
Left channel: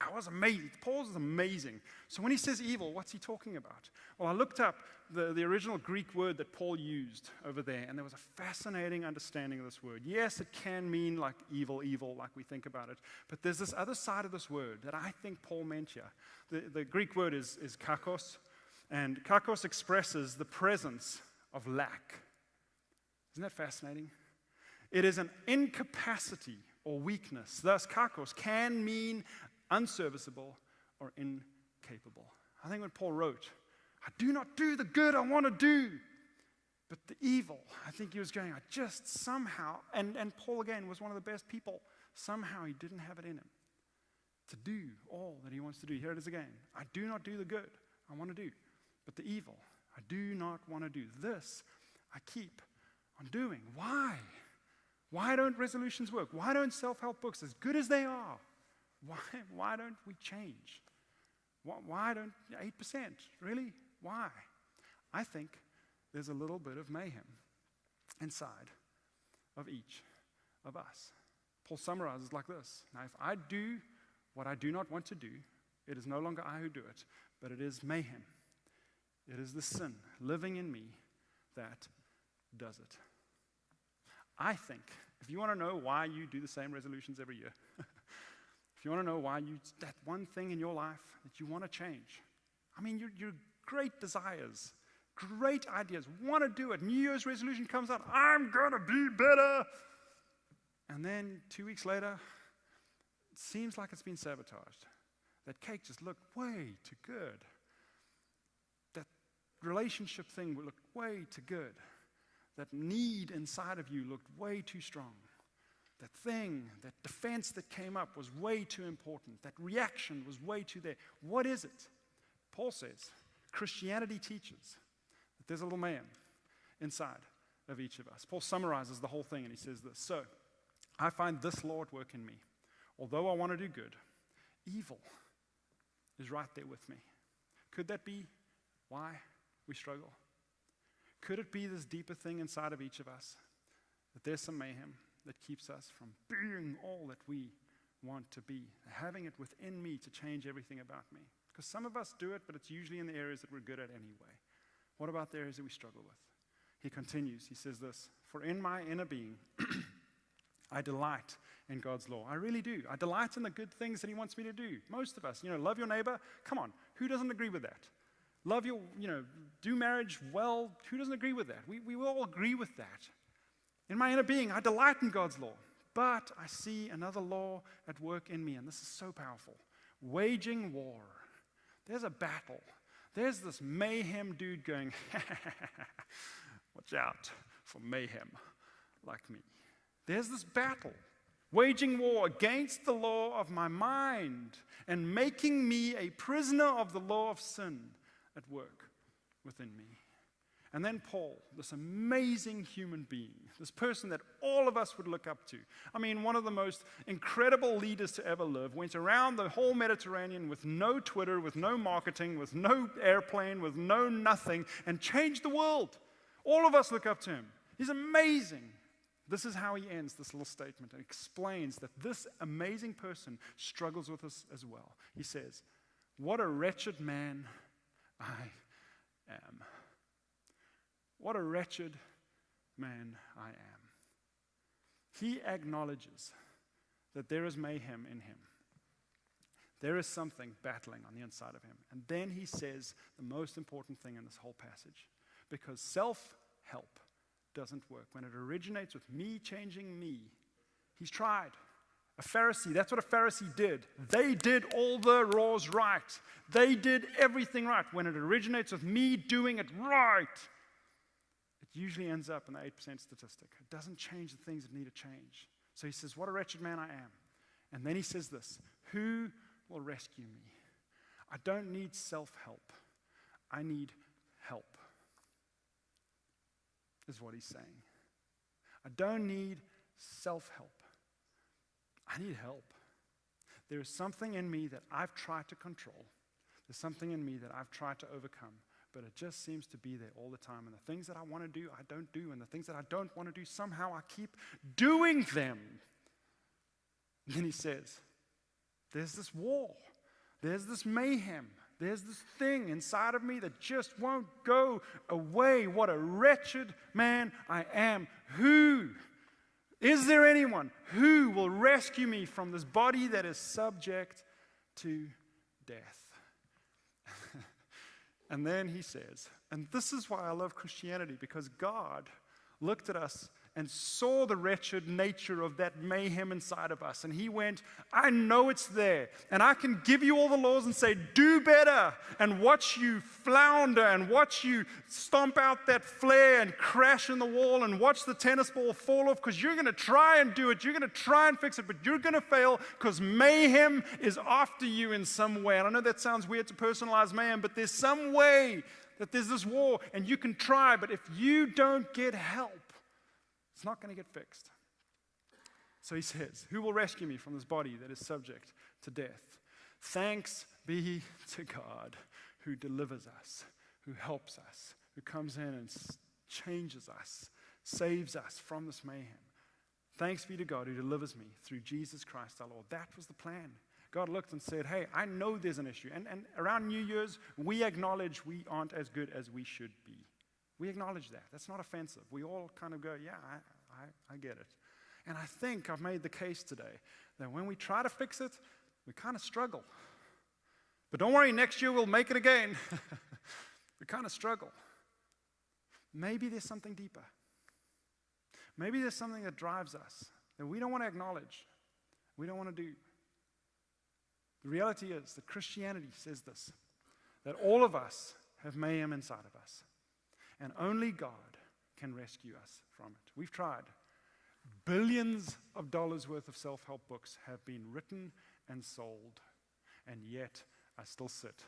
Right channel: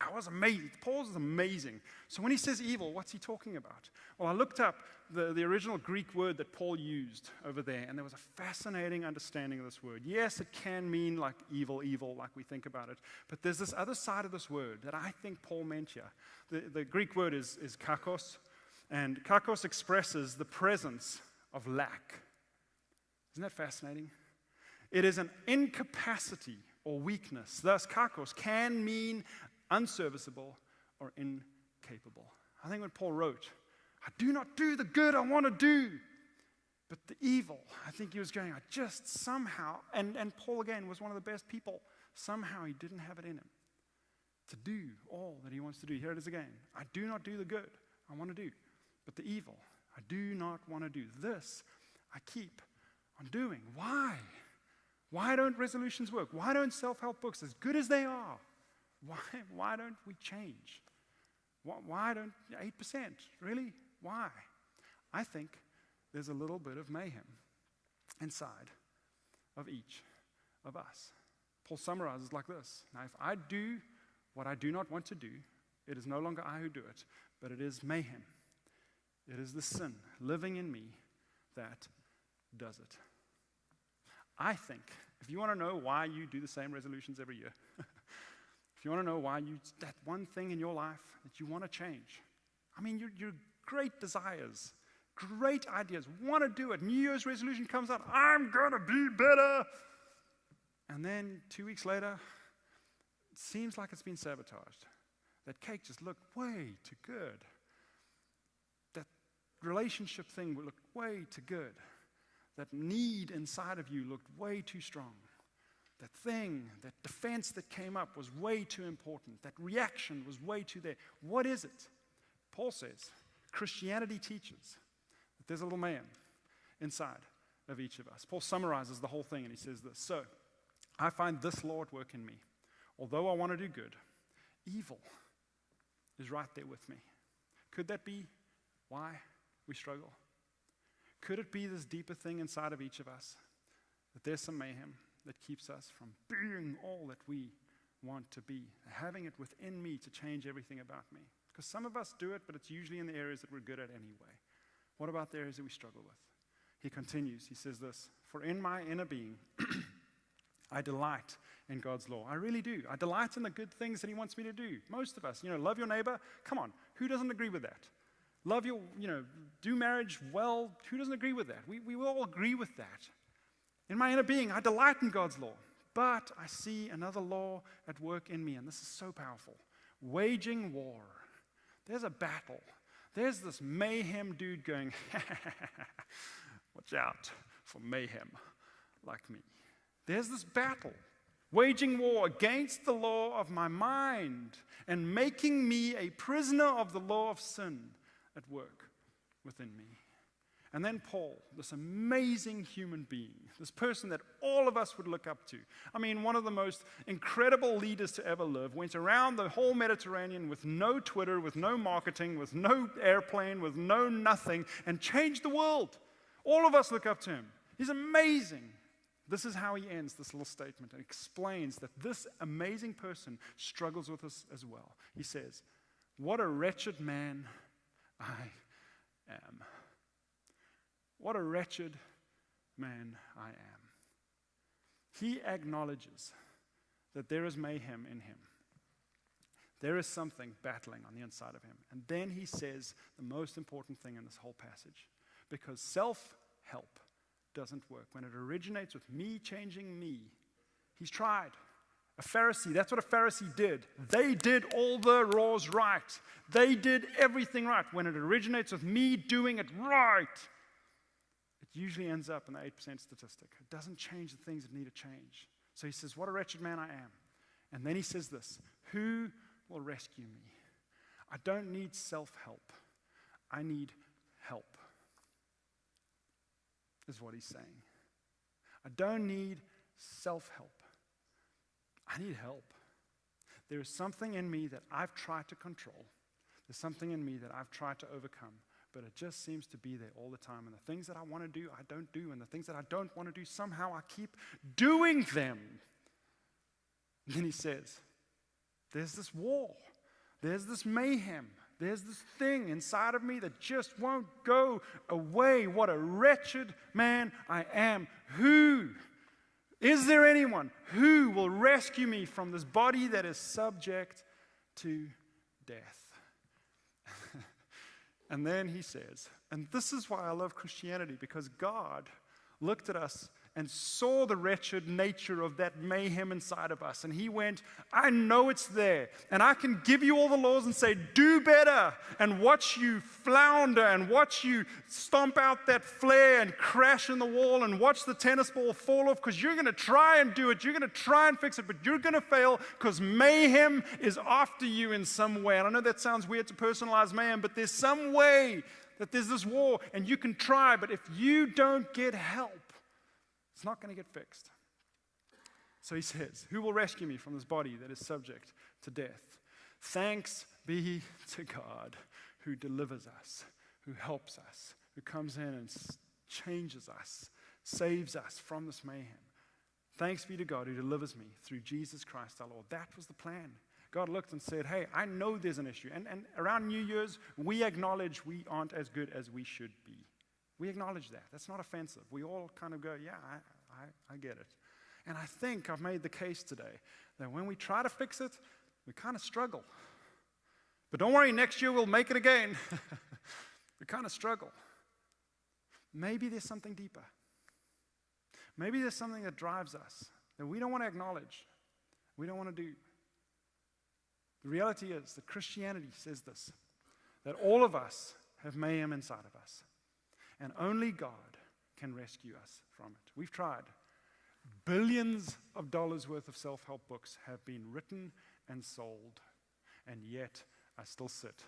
I was amazing. Paul was amazing. So when he says evil, what's he talking about? Well, I looked up the original Greek word that Paul used over there, and there was a fascinating understanding of this word. Yes, it can mean like evil, like we think about it, but there's this other side of this word that I think Paul meant here. The Greek word is kakos, and kakos expresses the presence of lack. Isn't that fascinating? It is an incapacity or weakness. Thus, kakos can mean unserviceable or incapable. I think when Paul wrote, I do not do the good I want to do, but the evil, I think he was going, I just somehow, and Paul again was one of the best people, somehow he didn't have it in him to do all that he wants to do. Here it is again. I do not do the good I want to do, but the evil I do not want to do. This I keep on doing. Why? Why don't resolutions work? Why don't self-help books, as good as they are, why don't we change? Why don't 8%? Really? Why? I think there's a little bit of mayhem inside of each of us. Paul summarizes like this. Now, if I do what I do not want to do, it is no longer I who do it, but it is mayhem. It is the sin living in me that does it. I think, if you want to know why you do the same resolutions every year, if you want to know why that one thing in your life that you want to change, I mean, your great desires, great ideas, want to do it. New Year's resolution comes out, I'm going to be better. And then 2 weeks later, it seems like it's been sabotaged. That cake just looked way too good. That relationship thing looked way too good. That need inside of you looked way too strong. That thing, that defense that came up was way too important. That reaction was way too there. What is it? Paul says, Christianity teaches that there's a little man inside of each of us. Paul summarizes the whole thing and he says this. So, I find this law at work in me. Although I want to do good, evil is right there with me. Could that be why we struggle? Could it be this deeper thing inside of each of us? That there's some mayhem that keeps us from being all that we want to be. Having it within me to change everything about me. Because some of us do it, but it's usually in the areas that we're good at anyway. What about the areas that we struggle with? He continues, he says this, for in my inner being, I delight in God's law. I really do. I delight in the good things that he wants me to do. Most of us, love your neighbor. Come on, who doesn't agree with that? Love your, do marriage well. Who doesn't agree with that? We all agree with that. In my inner being, I delight in God's law. But I see another law at work in me, and this is so powerful. Waging war. There's a battle. There's this mayhem dude going, watch out for mayhem like me. There's this battle, waging war against the law of my mind and making me a prisoner of the law of sin at work within me. And then Paul, this amazing human being, this person that all of us would look up to. I mean, one of the most incredible leaders to ever live, went around the whole Mediterranean with no Twitter, with no marketing, with no airplane, with no nothing, and changed the world. All of us look up to him. He's amazing. This is how he ends this little statement and explains that this amazing person struggles with us as well. He says, what a wretched man I am. What a wretched man I am. He acknowledges that there is mayhem in him. There is something battling on the inside of him. And then he says the most important thing in this whole passage. Because self-help doesn't work. When it originates with me changing me, he's tried. A Pharisee, that's what a Pharisee did. They did all the laws right. They did everything right. When it originates with me doing it right, it usually ends up in the 8% statistic. It doesn't change the things that need to change. So he says, what a wretched man I am. And then he says this, who will rescue me? I don't need self-help. I need help, is what he's saying. I don't need self-help. I need help. There is something in me that I've tried to control. There's something in me that I've tried to overcome, but it just seems to be there all the time. And the things that I want to do, I don't do. And the things that I don't want to do, somehow I keep doing them. And then he says, there's this war. There's this mayhem. There's this thing inside of me that just won't go away. What a wretched man I am. Who? Is there anyone who will rescue me from this body that is subject to death? And then he says, and this is why I love Christianity, because God looked at us and saw the wretched nature of that mayhem inside of us. And he went, I know it's there. And I can give you all the laws and say, do better. And watch you flounder and watch you stomp out that flare and crash in the wall and watch the tennis ball fall off because you're going to try and do it. You're going to try and fix it, but you're going to fail because mayhem is after you in some way. And I know that sounds weird to personalize mayhem, but there's some way that there's this war and you can try, but if you don't get help, it's not going to get fixed. So he says, who will rescue me from this body that is subject to death? Thanks be to God who delivers us, who helps us, who comes in and changes us, saves us from this mayhem. Thanks be to God who delivers me through Jesus Christ our Lord. That was the plan. God looked and said, hey, I know there's an issue. And around New Year's, we acknowledge we aren't as good as we should be. We acknowledge that. That's not offensive. We all kind of go, yeah, I get it. And I think I've made the case today that when we try to fix it, we kind of struggle. But don't worry, next year we'll make it again. We kind of struggle. Maybe there's something deeper. Maybe there's something that drives us that we don't want to acknowledge, we don't want to do. The reality is that Christianity says this, that all of us have mayhem inside of us, and only God can rescue us from it. We've tried. Billions of dollars worth of self-help books have been written and sold, and yet I still sit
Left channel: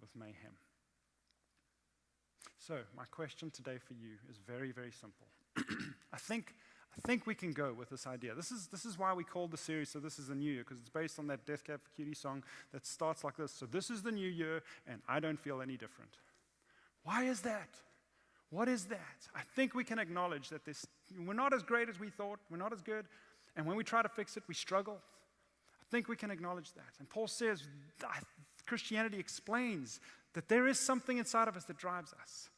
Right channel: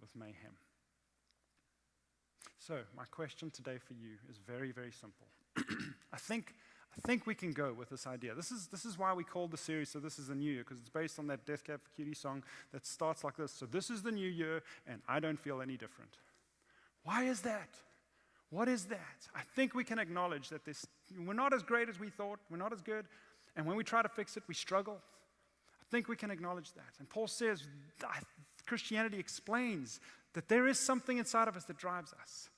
with mayhem. So my question today for you is very, very simple. I think we can go with this idea. This is why we called the series So This Is the New Year, because it's based on that Death Cab for Cutie song that starts like this. So this is the new year, and I don't feel any different. Why is that? What is that? I think we can acknowledge that we're not as great as we thought. We're not as good. And when we try to fix it, we struggle. I think we can acknowledge that. And Paul says, Christianity explains that there is something inside of us that drives us.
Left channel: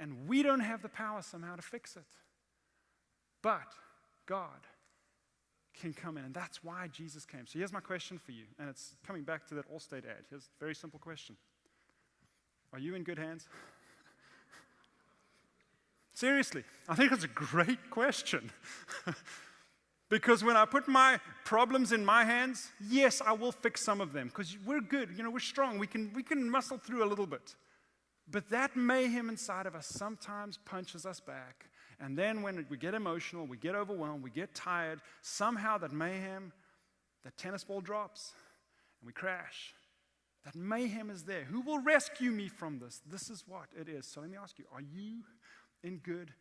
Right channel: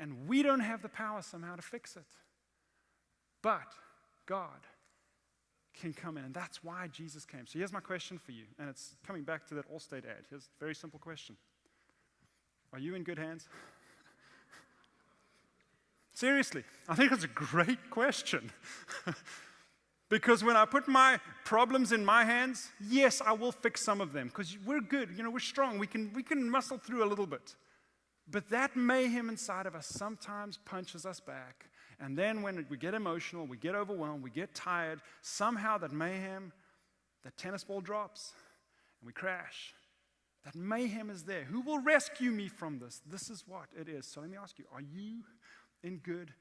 And we don't have the power somehow to fix it. But God can come in. And that's why Jesus came. So here's my question for you. And it's coming back to that Allstate ad. Here's a very simple question. Are you in good hands? Seriously, I think it's a great question. Because when I put my problems in my hands, yes, I will fix some of them. Because we're good, we're strong. We can muscle through a little bit. But that mayhem inside of us sometimes punches us back. And then when we get emotional, we get overwhelmed, we get tired, somehow that mayhem, that tennis ball drops, and we crash. That mayhem is there. Who will rescue me from this? This is what it is. So let me ask you, are you in good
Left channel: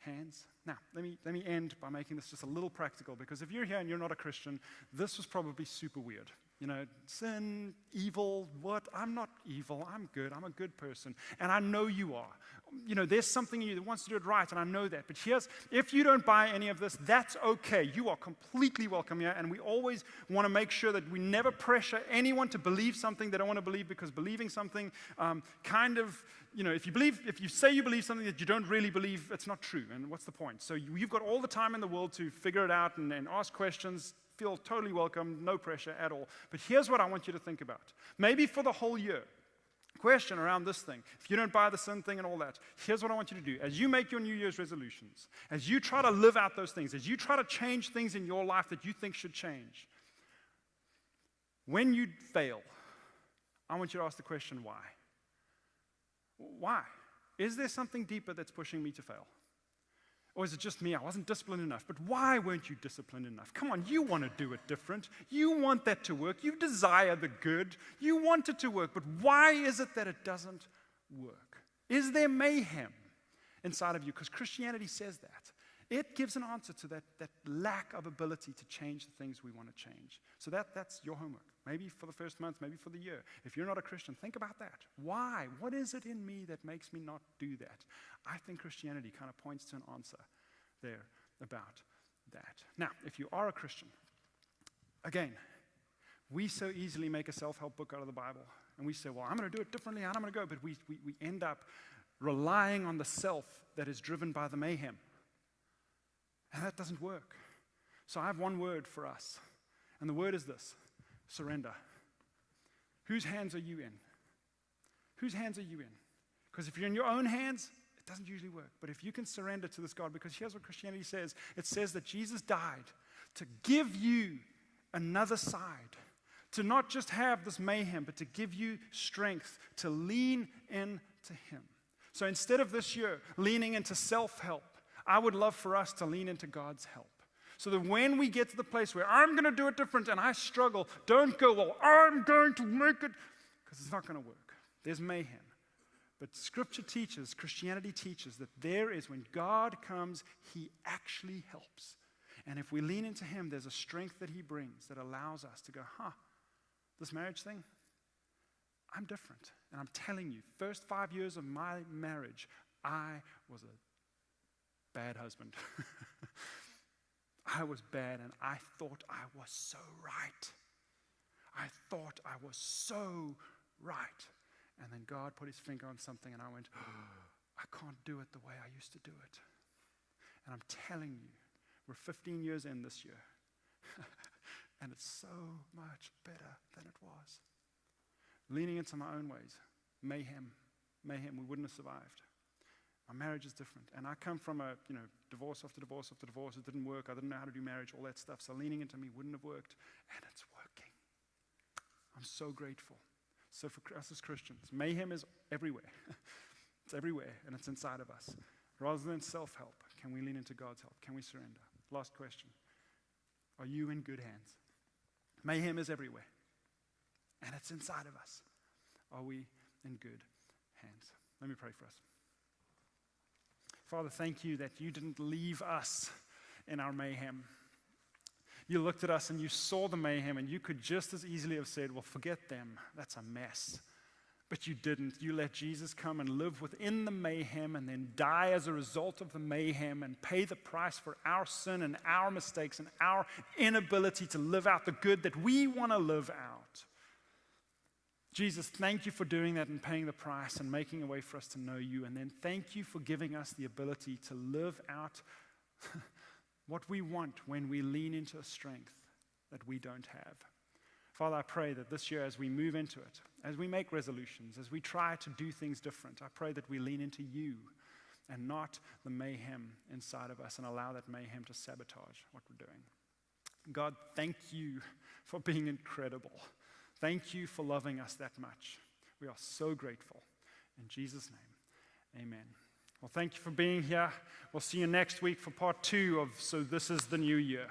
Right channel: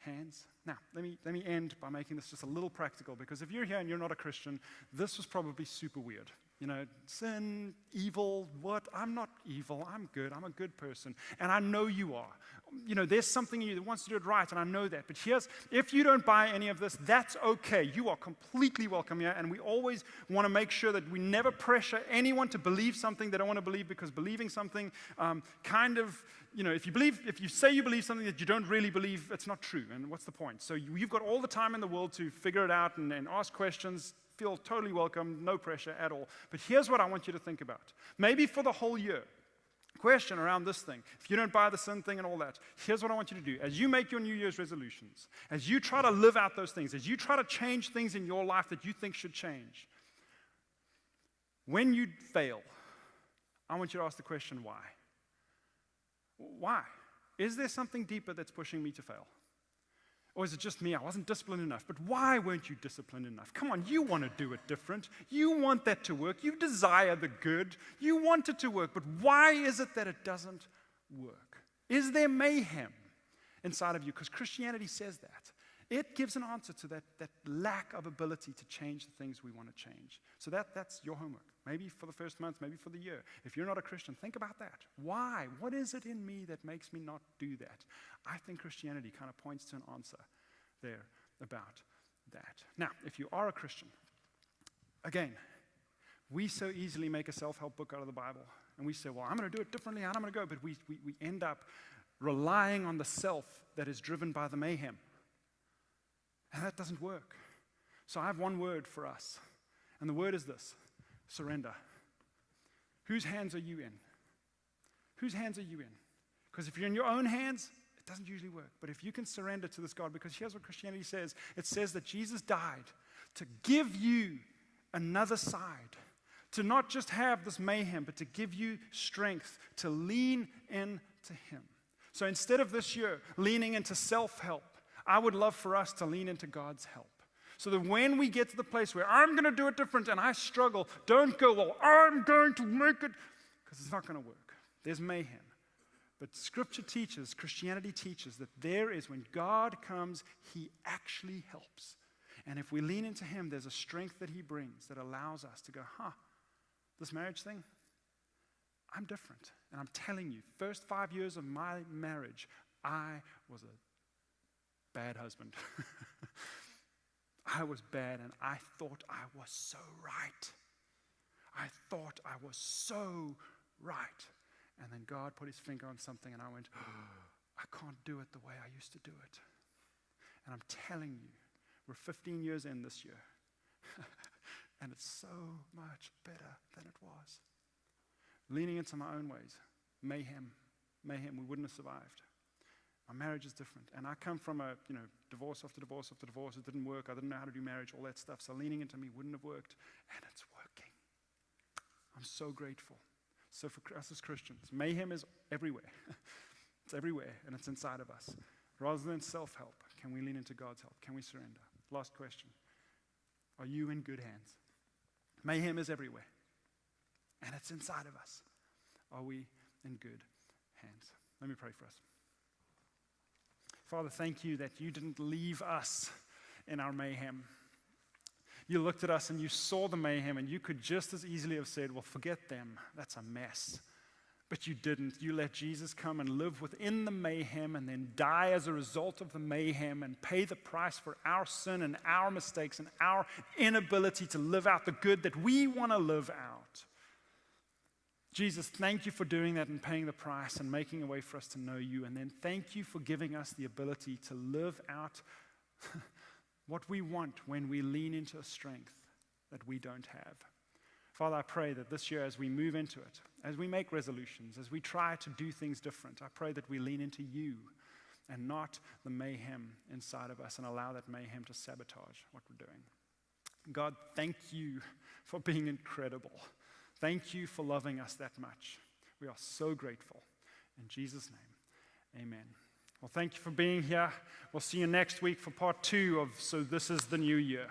hands? Now, let me end by making this just a little practical, because if you're here and you're not a Christian, this was probably super weird. Sin, evil, what? I'm not evil. I'm good. I'm a good person. And I know you are. There's something in you that wants to do it right, and I know that. But if you don't buy any of this, that's okay. You are completely welcome here, and we always want to make sure that we never pressure anyone to believe something they don't want to believe, because believing something if you say you believe something that you don't really believe, it's not true. And what's the point? So you've got all the time in the world to figure it out and ask questions. Feel totally welcome, no pressure at all. But here's what I want you to think about. Maybe for the whole year, question around this thing. If you don't buy the sin thing and all that, here's what I want you to do. As you make your New Year's resolutions, as you try to live out those things, as you try to change things in your life that you think should change, when you fail, I want you to ask the question, why? Why? Is there something deeper that's pushing me to fail? Or is it just me? I wasn't disciplined enough. But why weren't you disciplined enough? Come on, you want to do it different. You want that to work. You desire the good. You want it to work. But why is it that it doesn't work? Is there mayhem inside of you? Because Christianity says that. It gives an answer to that lack of ability to change the things we want to change. So that's your homework. Maybe for the first month, maybe for the year. If you're not a Christian, think about that. Why? What is it in me that makes me not do that? I think Christianity kind of points to an answer there about that. Now, if you are a Christian, again, we so easily make a self-help book out of the Bible. And we say, well, I'm going to do it differently, and I'm going to go. But we end up relying on the self that is driven by the mayhem. And that doesn't work. So I have one word for us. And the word is this: surrender. Whose hands are you in? Whose hands are you in? Because if you're in your own hands, it doesn't usually work. But if you can surrender to this God, because here's what Christianity says. It says that Jesus died to give you another side. To not just have this mayhem, but to give you strength to lean into Him. So instead of this year leaning into self-help, I would love for us to lean into God's help. So that when we get to the place where I'm going to do it different and I struggle, don't go, well, I'm going to make it, because it's not going to work. There's mayhem. But Scripture teaches, Christianity teaches, that there is, when God comes, He actually helps. And if we lean into Him, there's a strength that He brings that allows us to go, this marriage thing, I'm different. And I'm telling you, first 5 years of my marriage, I was a bad husband. I was bad, and I thought I was so right. I thought I was so right. And then God put His finger on something, and I went, I can't do it the way I used to do it. And I'm telling you, we're 15 years in this year, and it's so much better than it was. Leaning into my own ways, mayhem, we wouldn't have survived. My marriage is different, and I come from a divorce after divorce after divorce. It didn't work. I didn't know how to do marriage, all that stuff. So leaning into me wouldn't have worked, and it's working. I'm so grateful. So for us as Christians, mayhem is everywhere. It's everywhere, and it's inside of us. Rather than self-help, can we lean into God's help? Can we surrender? Last question. Are you in good hands? Mayhem is everywhere, and it's inside of us. Are we in good hands? Let me pray for us. Father, thank you that you didn't leave us in our mayhem. You looked at us and you saw the mayhem, and you could just as easily have said, well, forget them. That's a mess. But you didn't. You let Jesus come and live within the mayhem and then die as a result of the mayhem and pay the price for our sin and our mistakes and our inability to live out the good that we want to live out. Jesus, thank you for doing that and paying the price and making a way for us to know you. And then thank you for giving us the ability to live out what we want when we lean into a strength that we don't have. Father, I pray that this year as we move into it, as we make resolutions, as we try to do things different, I pray that we lean into you and not the mayhem inside of us and allow that mayhem to sabotage what we're doing. God, thank you for being incredible. Thank you for loving us that much. We are so grateful. In Jesus' name, amen. Well, thank you for being here. We'll see you next week for part 2 of So This Is the New Year.